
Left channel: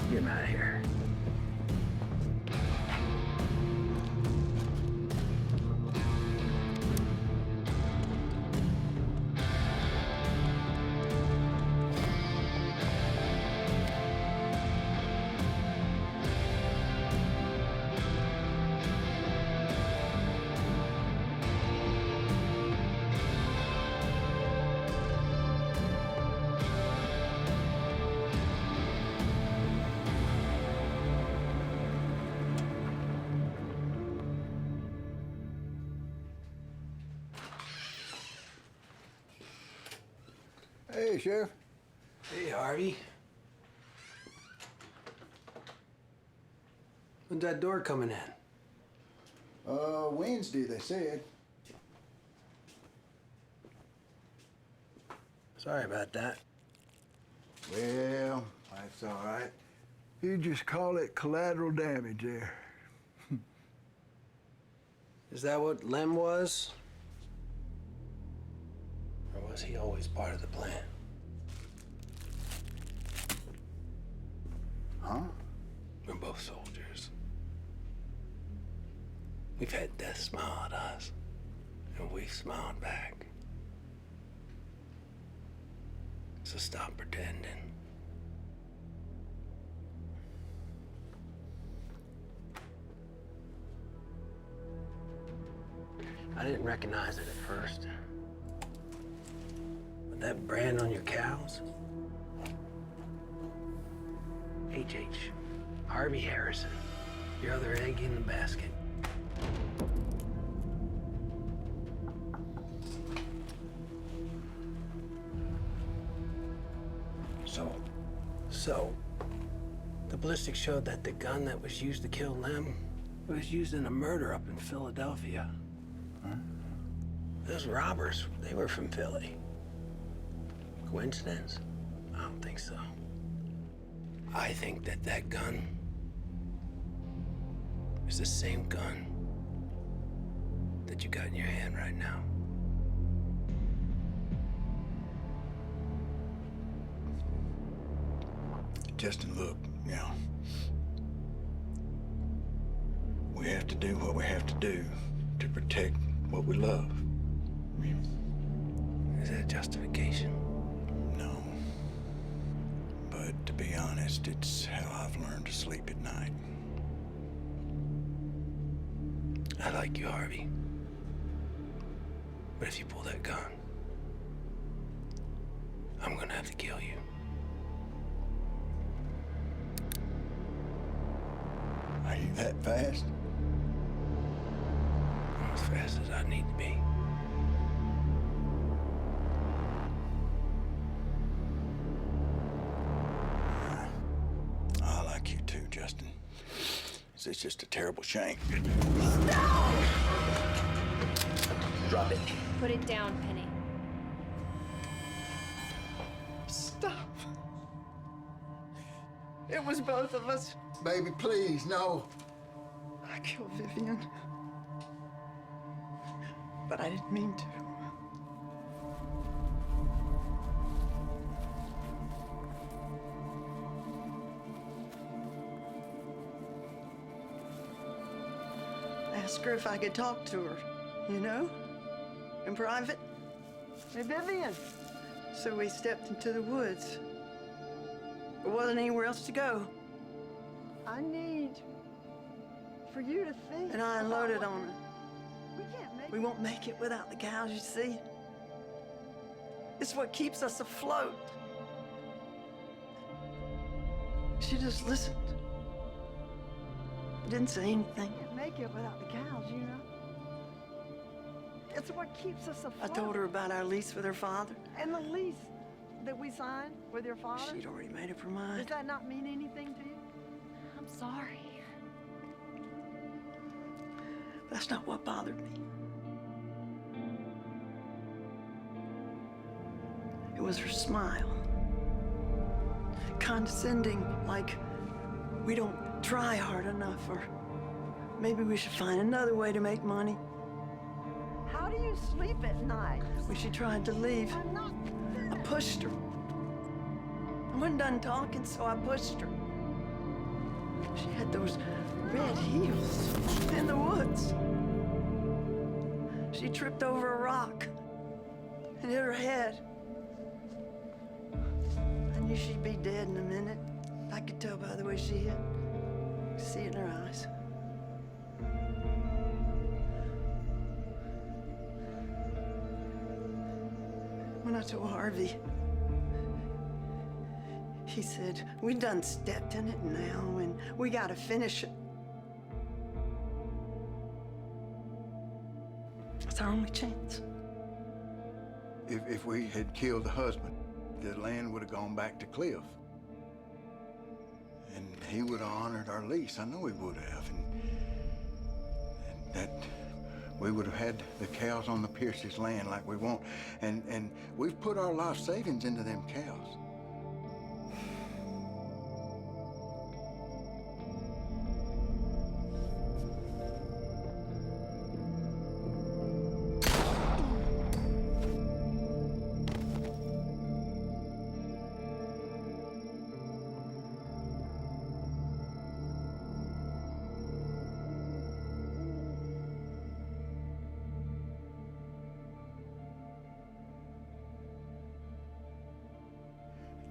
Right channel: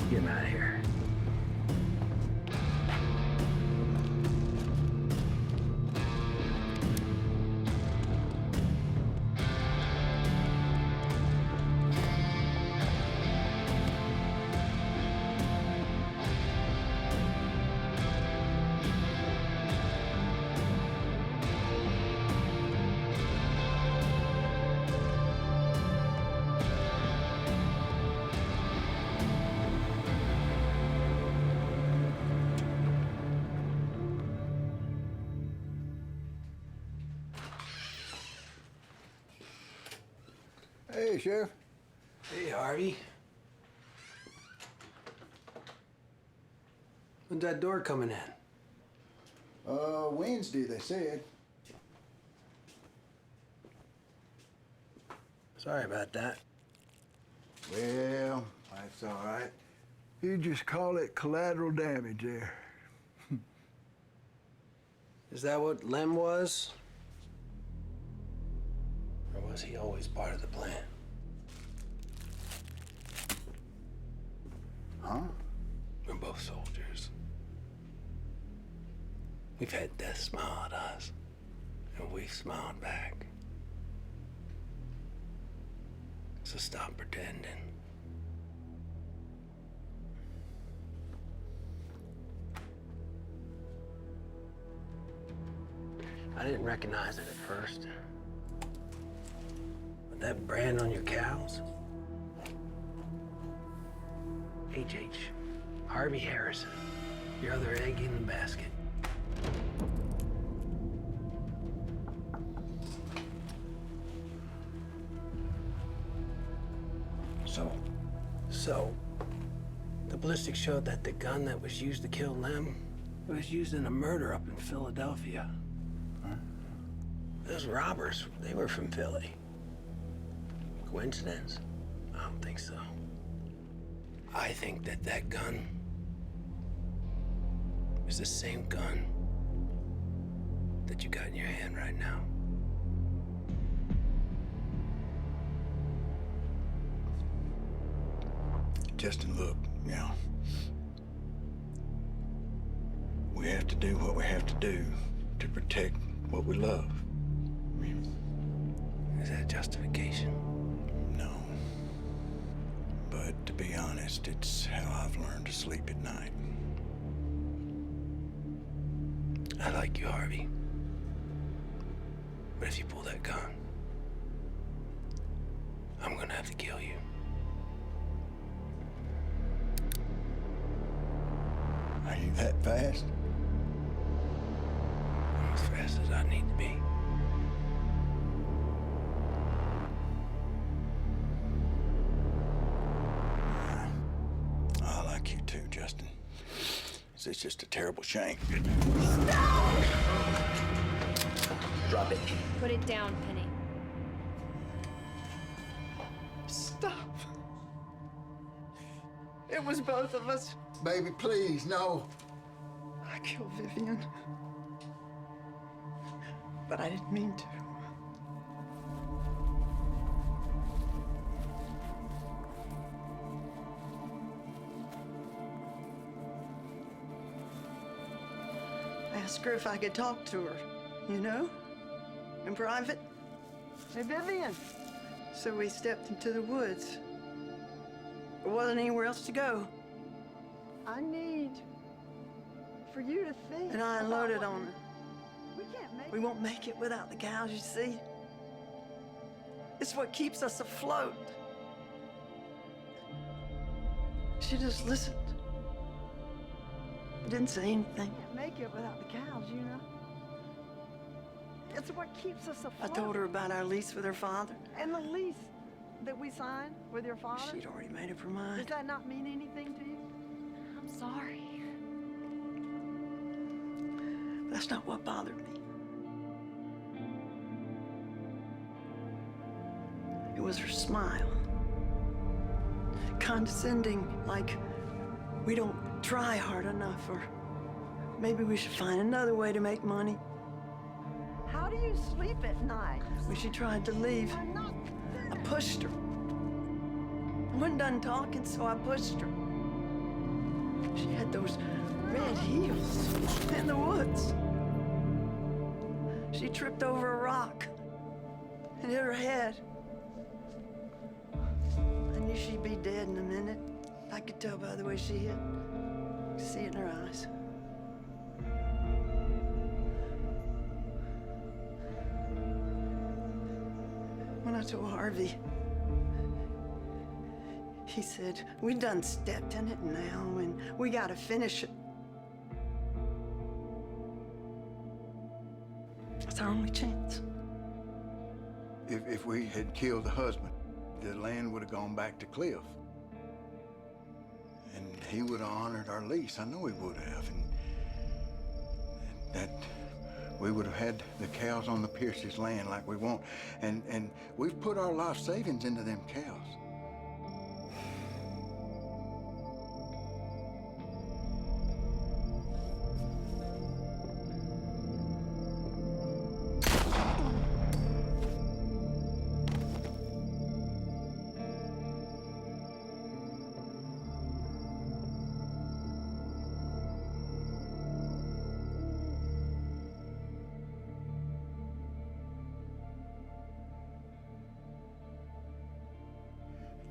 him out of here. Hey, Sheriff. Hey, Harvey. When's that door coming in? Wednesday, they said. Sorry about that. Well, that's all right. You just call it collateral damage there. Is that what Lem was? Or was he always part of the plan? Huh? We're both soldiers. We've had death smile at us, and we've smiled back. So stop pretending. I didn't recognize it at first. But that brand on your cows? H.H. Harvey Harrison. Your other egg in the basket. So, the ballistics showed that the gun that was used to kill Lem was used in a murder up in Philadelphia. Huh? Those robbers, they were from Philly. Coincidence? I don't think so. I think that that gun is the same gun that you got in your hand right now. Justin, look, we have to do what we have to do to protect what we love. I mean, is that justification? No. But to be honest, it's how I've learned to sleep at night. I like you, Harvey. But if you pull that gun, I'm gonna have to kill you. Are you that fast? I'm as fast as I need to be. I like you too, Justin. It's just a terrible shame. Stop! Drop it. Put it down, Penny. Stop. It was both of us. Baby, please, no. I killed Vivian. But I didn't mean to. I asked her if I could talk to her, in private. Hey, Vivian. So we stepped into the woods. There wasn't anywhere else to go. I need for you to think. And I unloaded on her. We won't make it without the cows, you see. It's what keeps us afloat. She just listened. Didn't say anything. Can't make it without the cows, It's what keeps us afloat. I told her about our lease with her father. And the lease that we signed with your father? She'd already made up her mind. Does that not mean anything to you? I'm sorry. That's not what bothered me. It was her smile. Condescending, like we don't try hard enough, or maybe we should find another way to make money. How do you sleep at night? When she tried to leave, I pushed her. I wasn't done talking, so I pushed her. She had those red heels in the woods. She tripped over a rock and hit her head. I knew she'd be dead in a minute. I could tell by the way she hit. I could see it in her eyes. When I told Harvey, he said, we done stepped in it now and we gotta finish it. It's our only chance. If we had killed the husband, the land would have gone back to Cliff. And he would have honored our lease. I know he would have. And that we would have had the cows on the Pierce's land like we want. And we've put our life savings into them cows.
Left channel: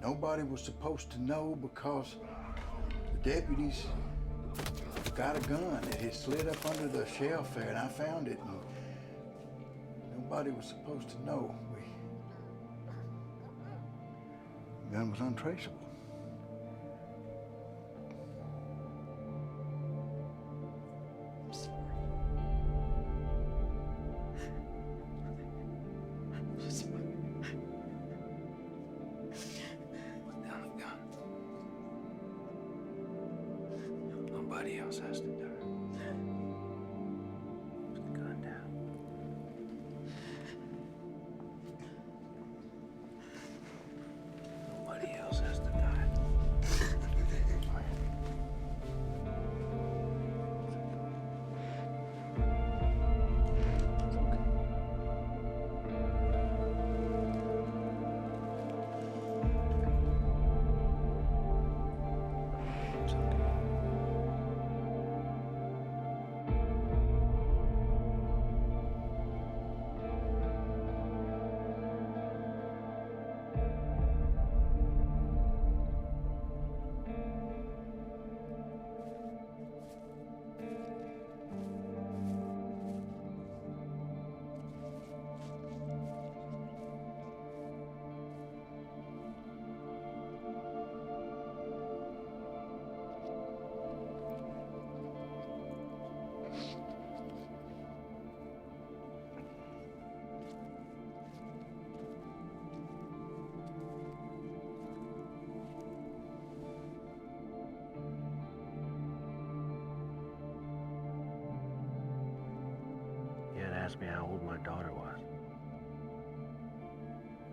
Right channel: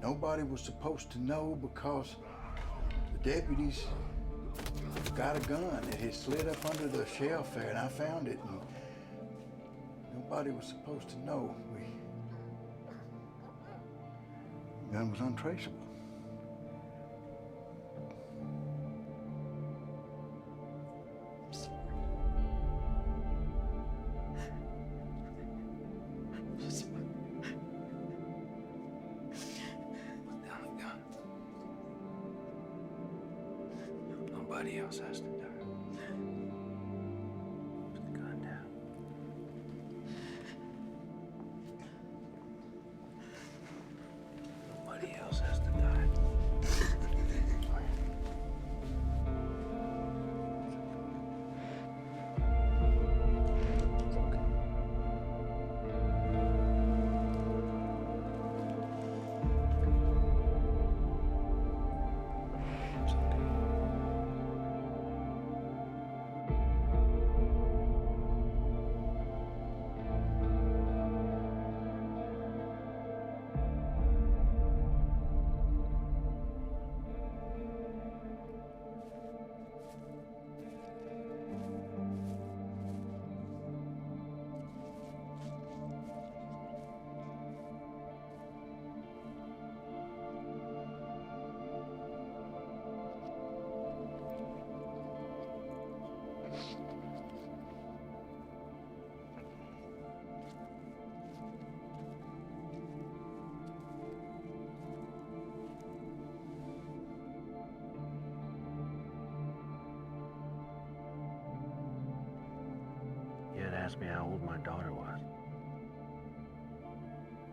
Nobody was supposed to know because the deputies got a gun. It had slid up under the shelf there, and I found it, and nobody was supposed to know. The gun was untraceable. I'm sorry. I'm sorry. Put down the gun. Nobody else has to die. Put the gun down. Nobody else has to die. You had asked me how old my daughter was.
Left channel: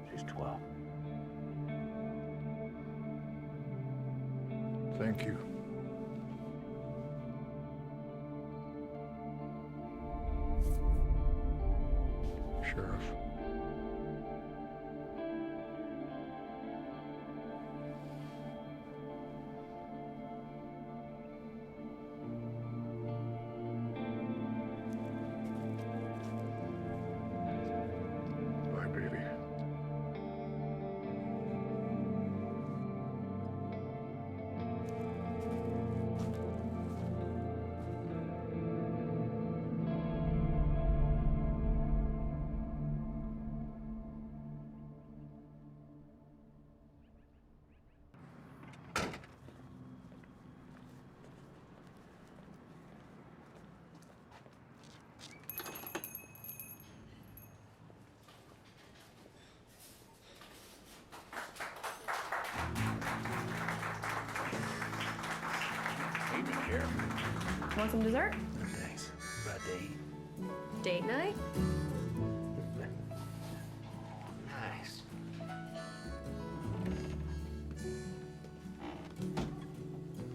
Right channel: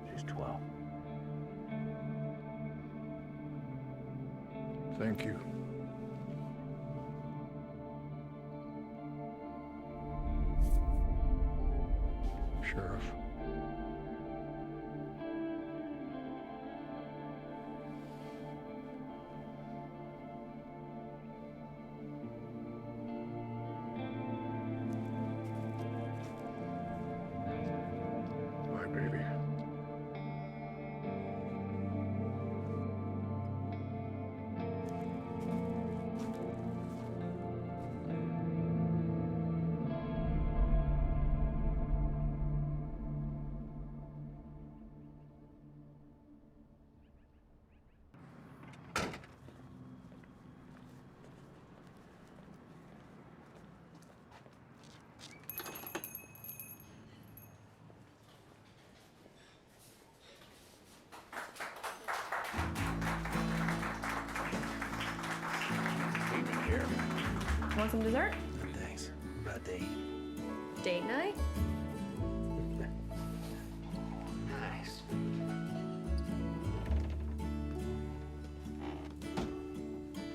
She's 12. Thank you. Sheriff. Bye, baby. Want some dessert? Thanks. About to eat. Date night? Nice.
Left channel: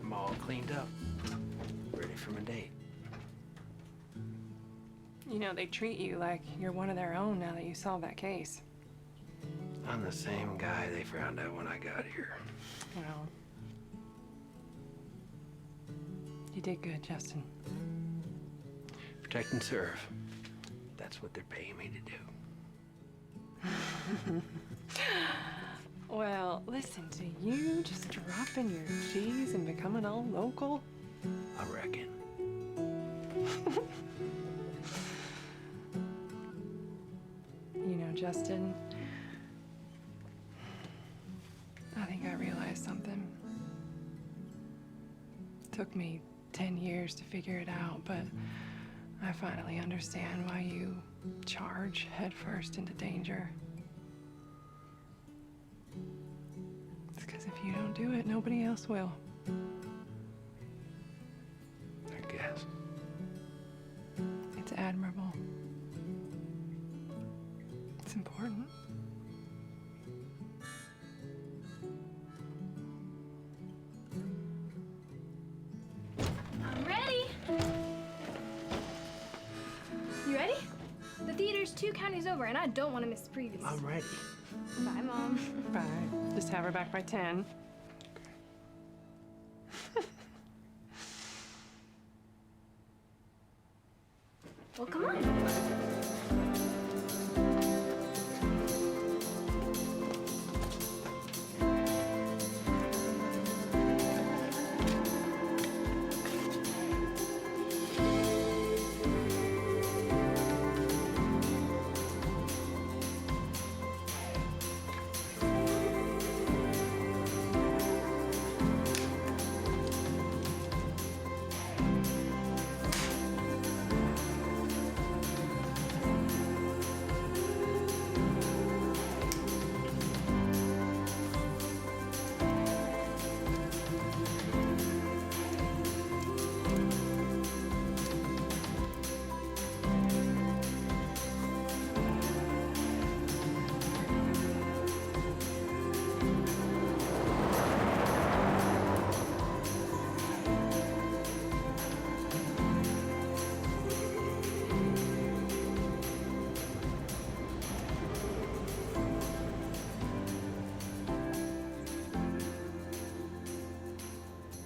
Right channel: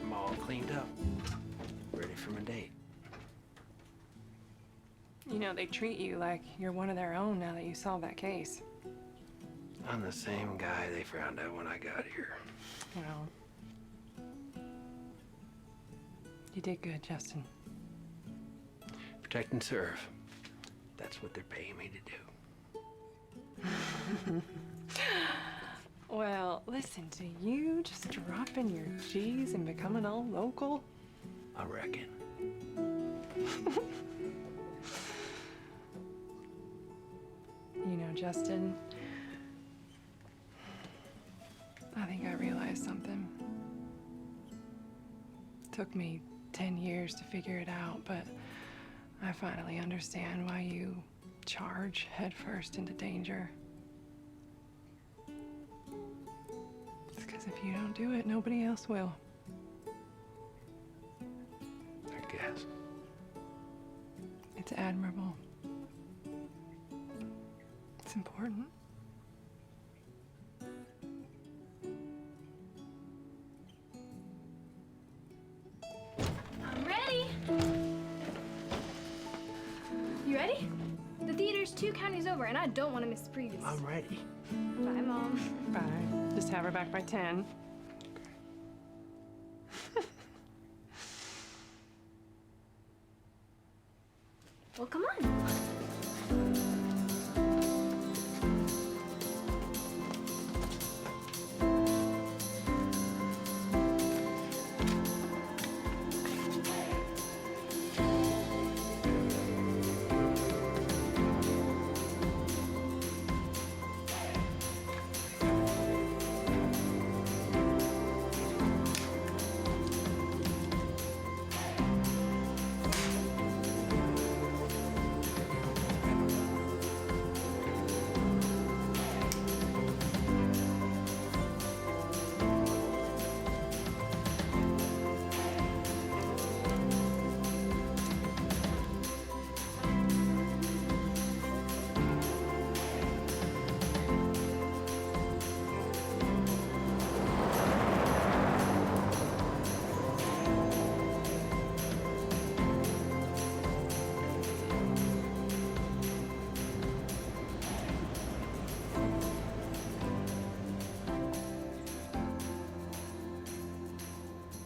I'm all cleaned up. Ready for my date. You know, they treat you like you're one of their own now that you solved that case. I'm the same guy they found out when I got here. Well, you did good, Justin. Protect and serve. That's what they're paying me to do. Well, listen to you just dropping your G's and becoming all local. I reckon. You know, Justin, I think I realized something. Took me 10 years to figure it out, but I finally understand why you charge headfirst into danger. It's because if you don't do it, nobody else will. I guess. It's admirable. It's important. I'm ready. You ready? The theater's 2 counties over, and I don't want to miss the previews. I'm ready. Bye, Mom. Bye. Just have her back by 10. Well, come on.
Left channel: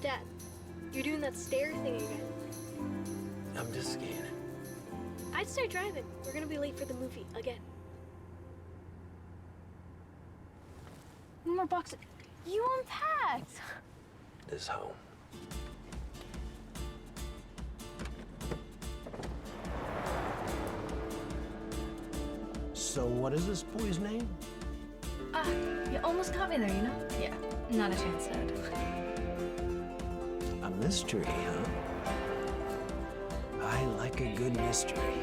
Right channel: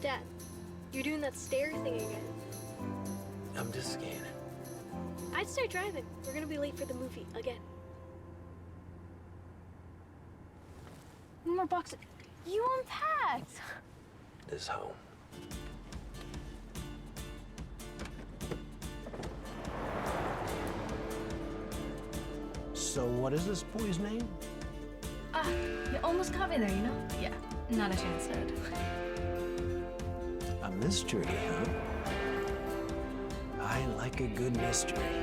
Dad, you're doing that stare thing again. I'm just scanning. I'd start driving. We're gonna be late for the movie again. One more box. You unpacked. This home. So what is this boy's name? Ah, you almost got me there, you know? Yeah, not a chance, Dad. A mystery, huh? I like a good mystery.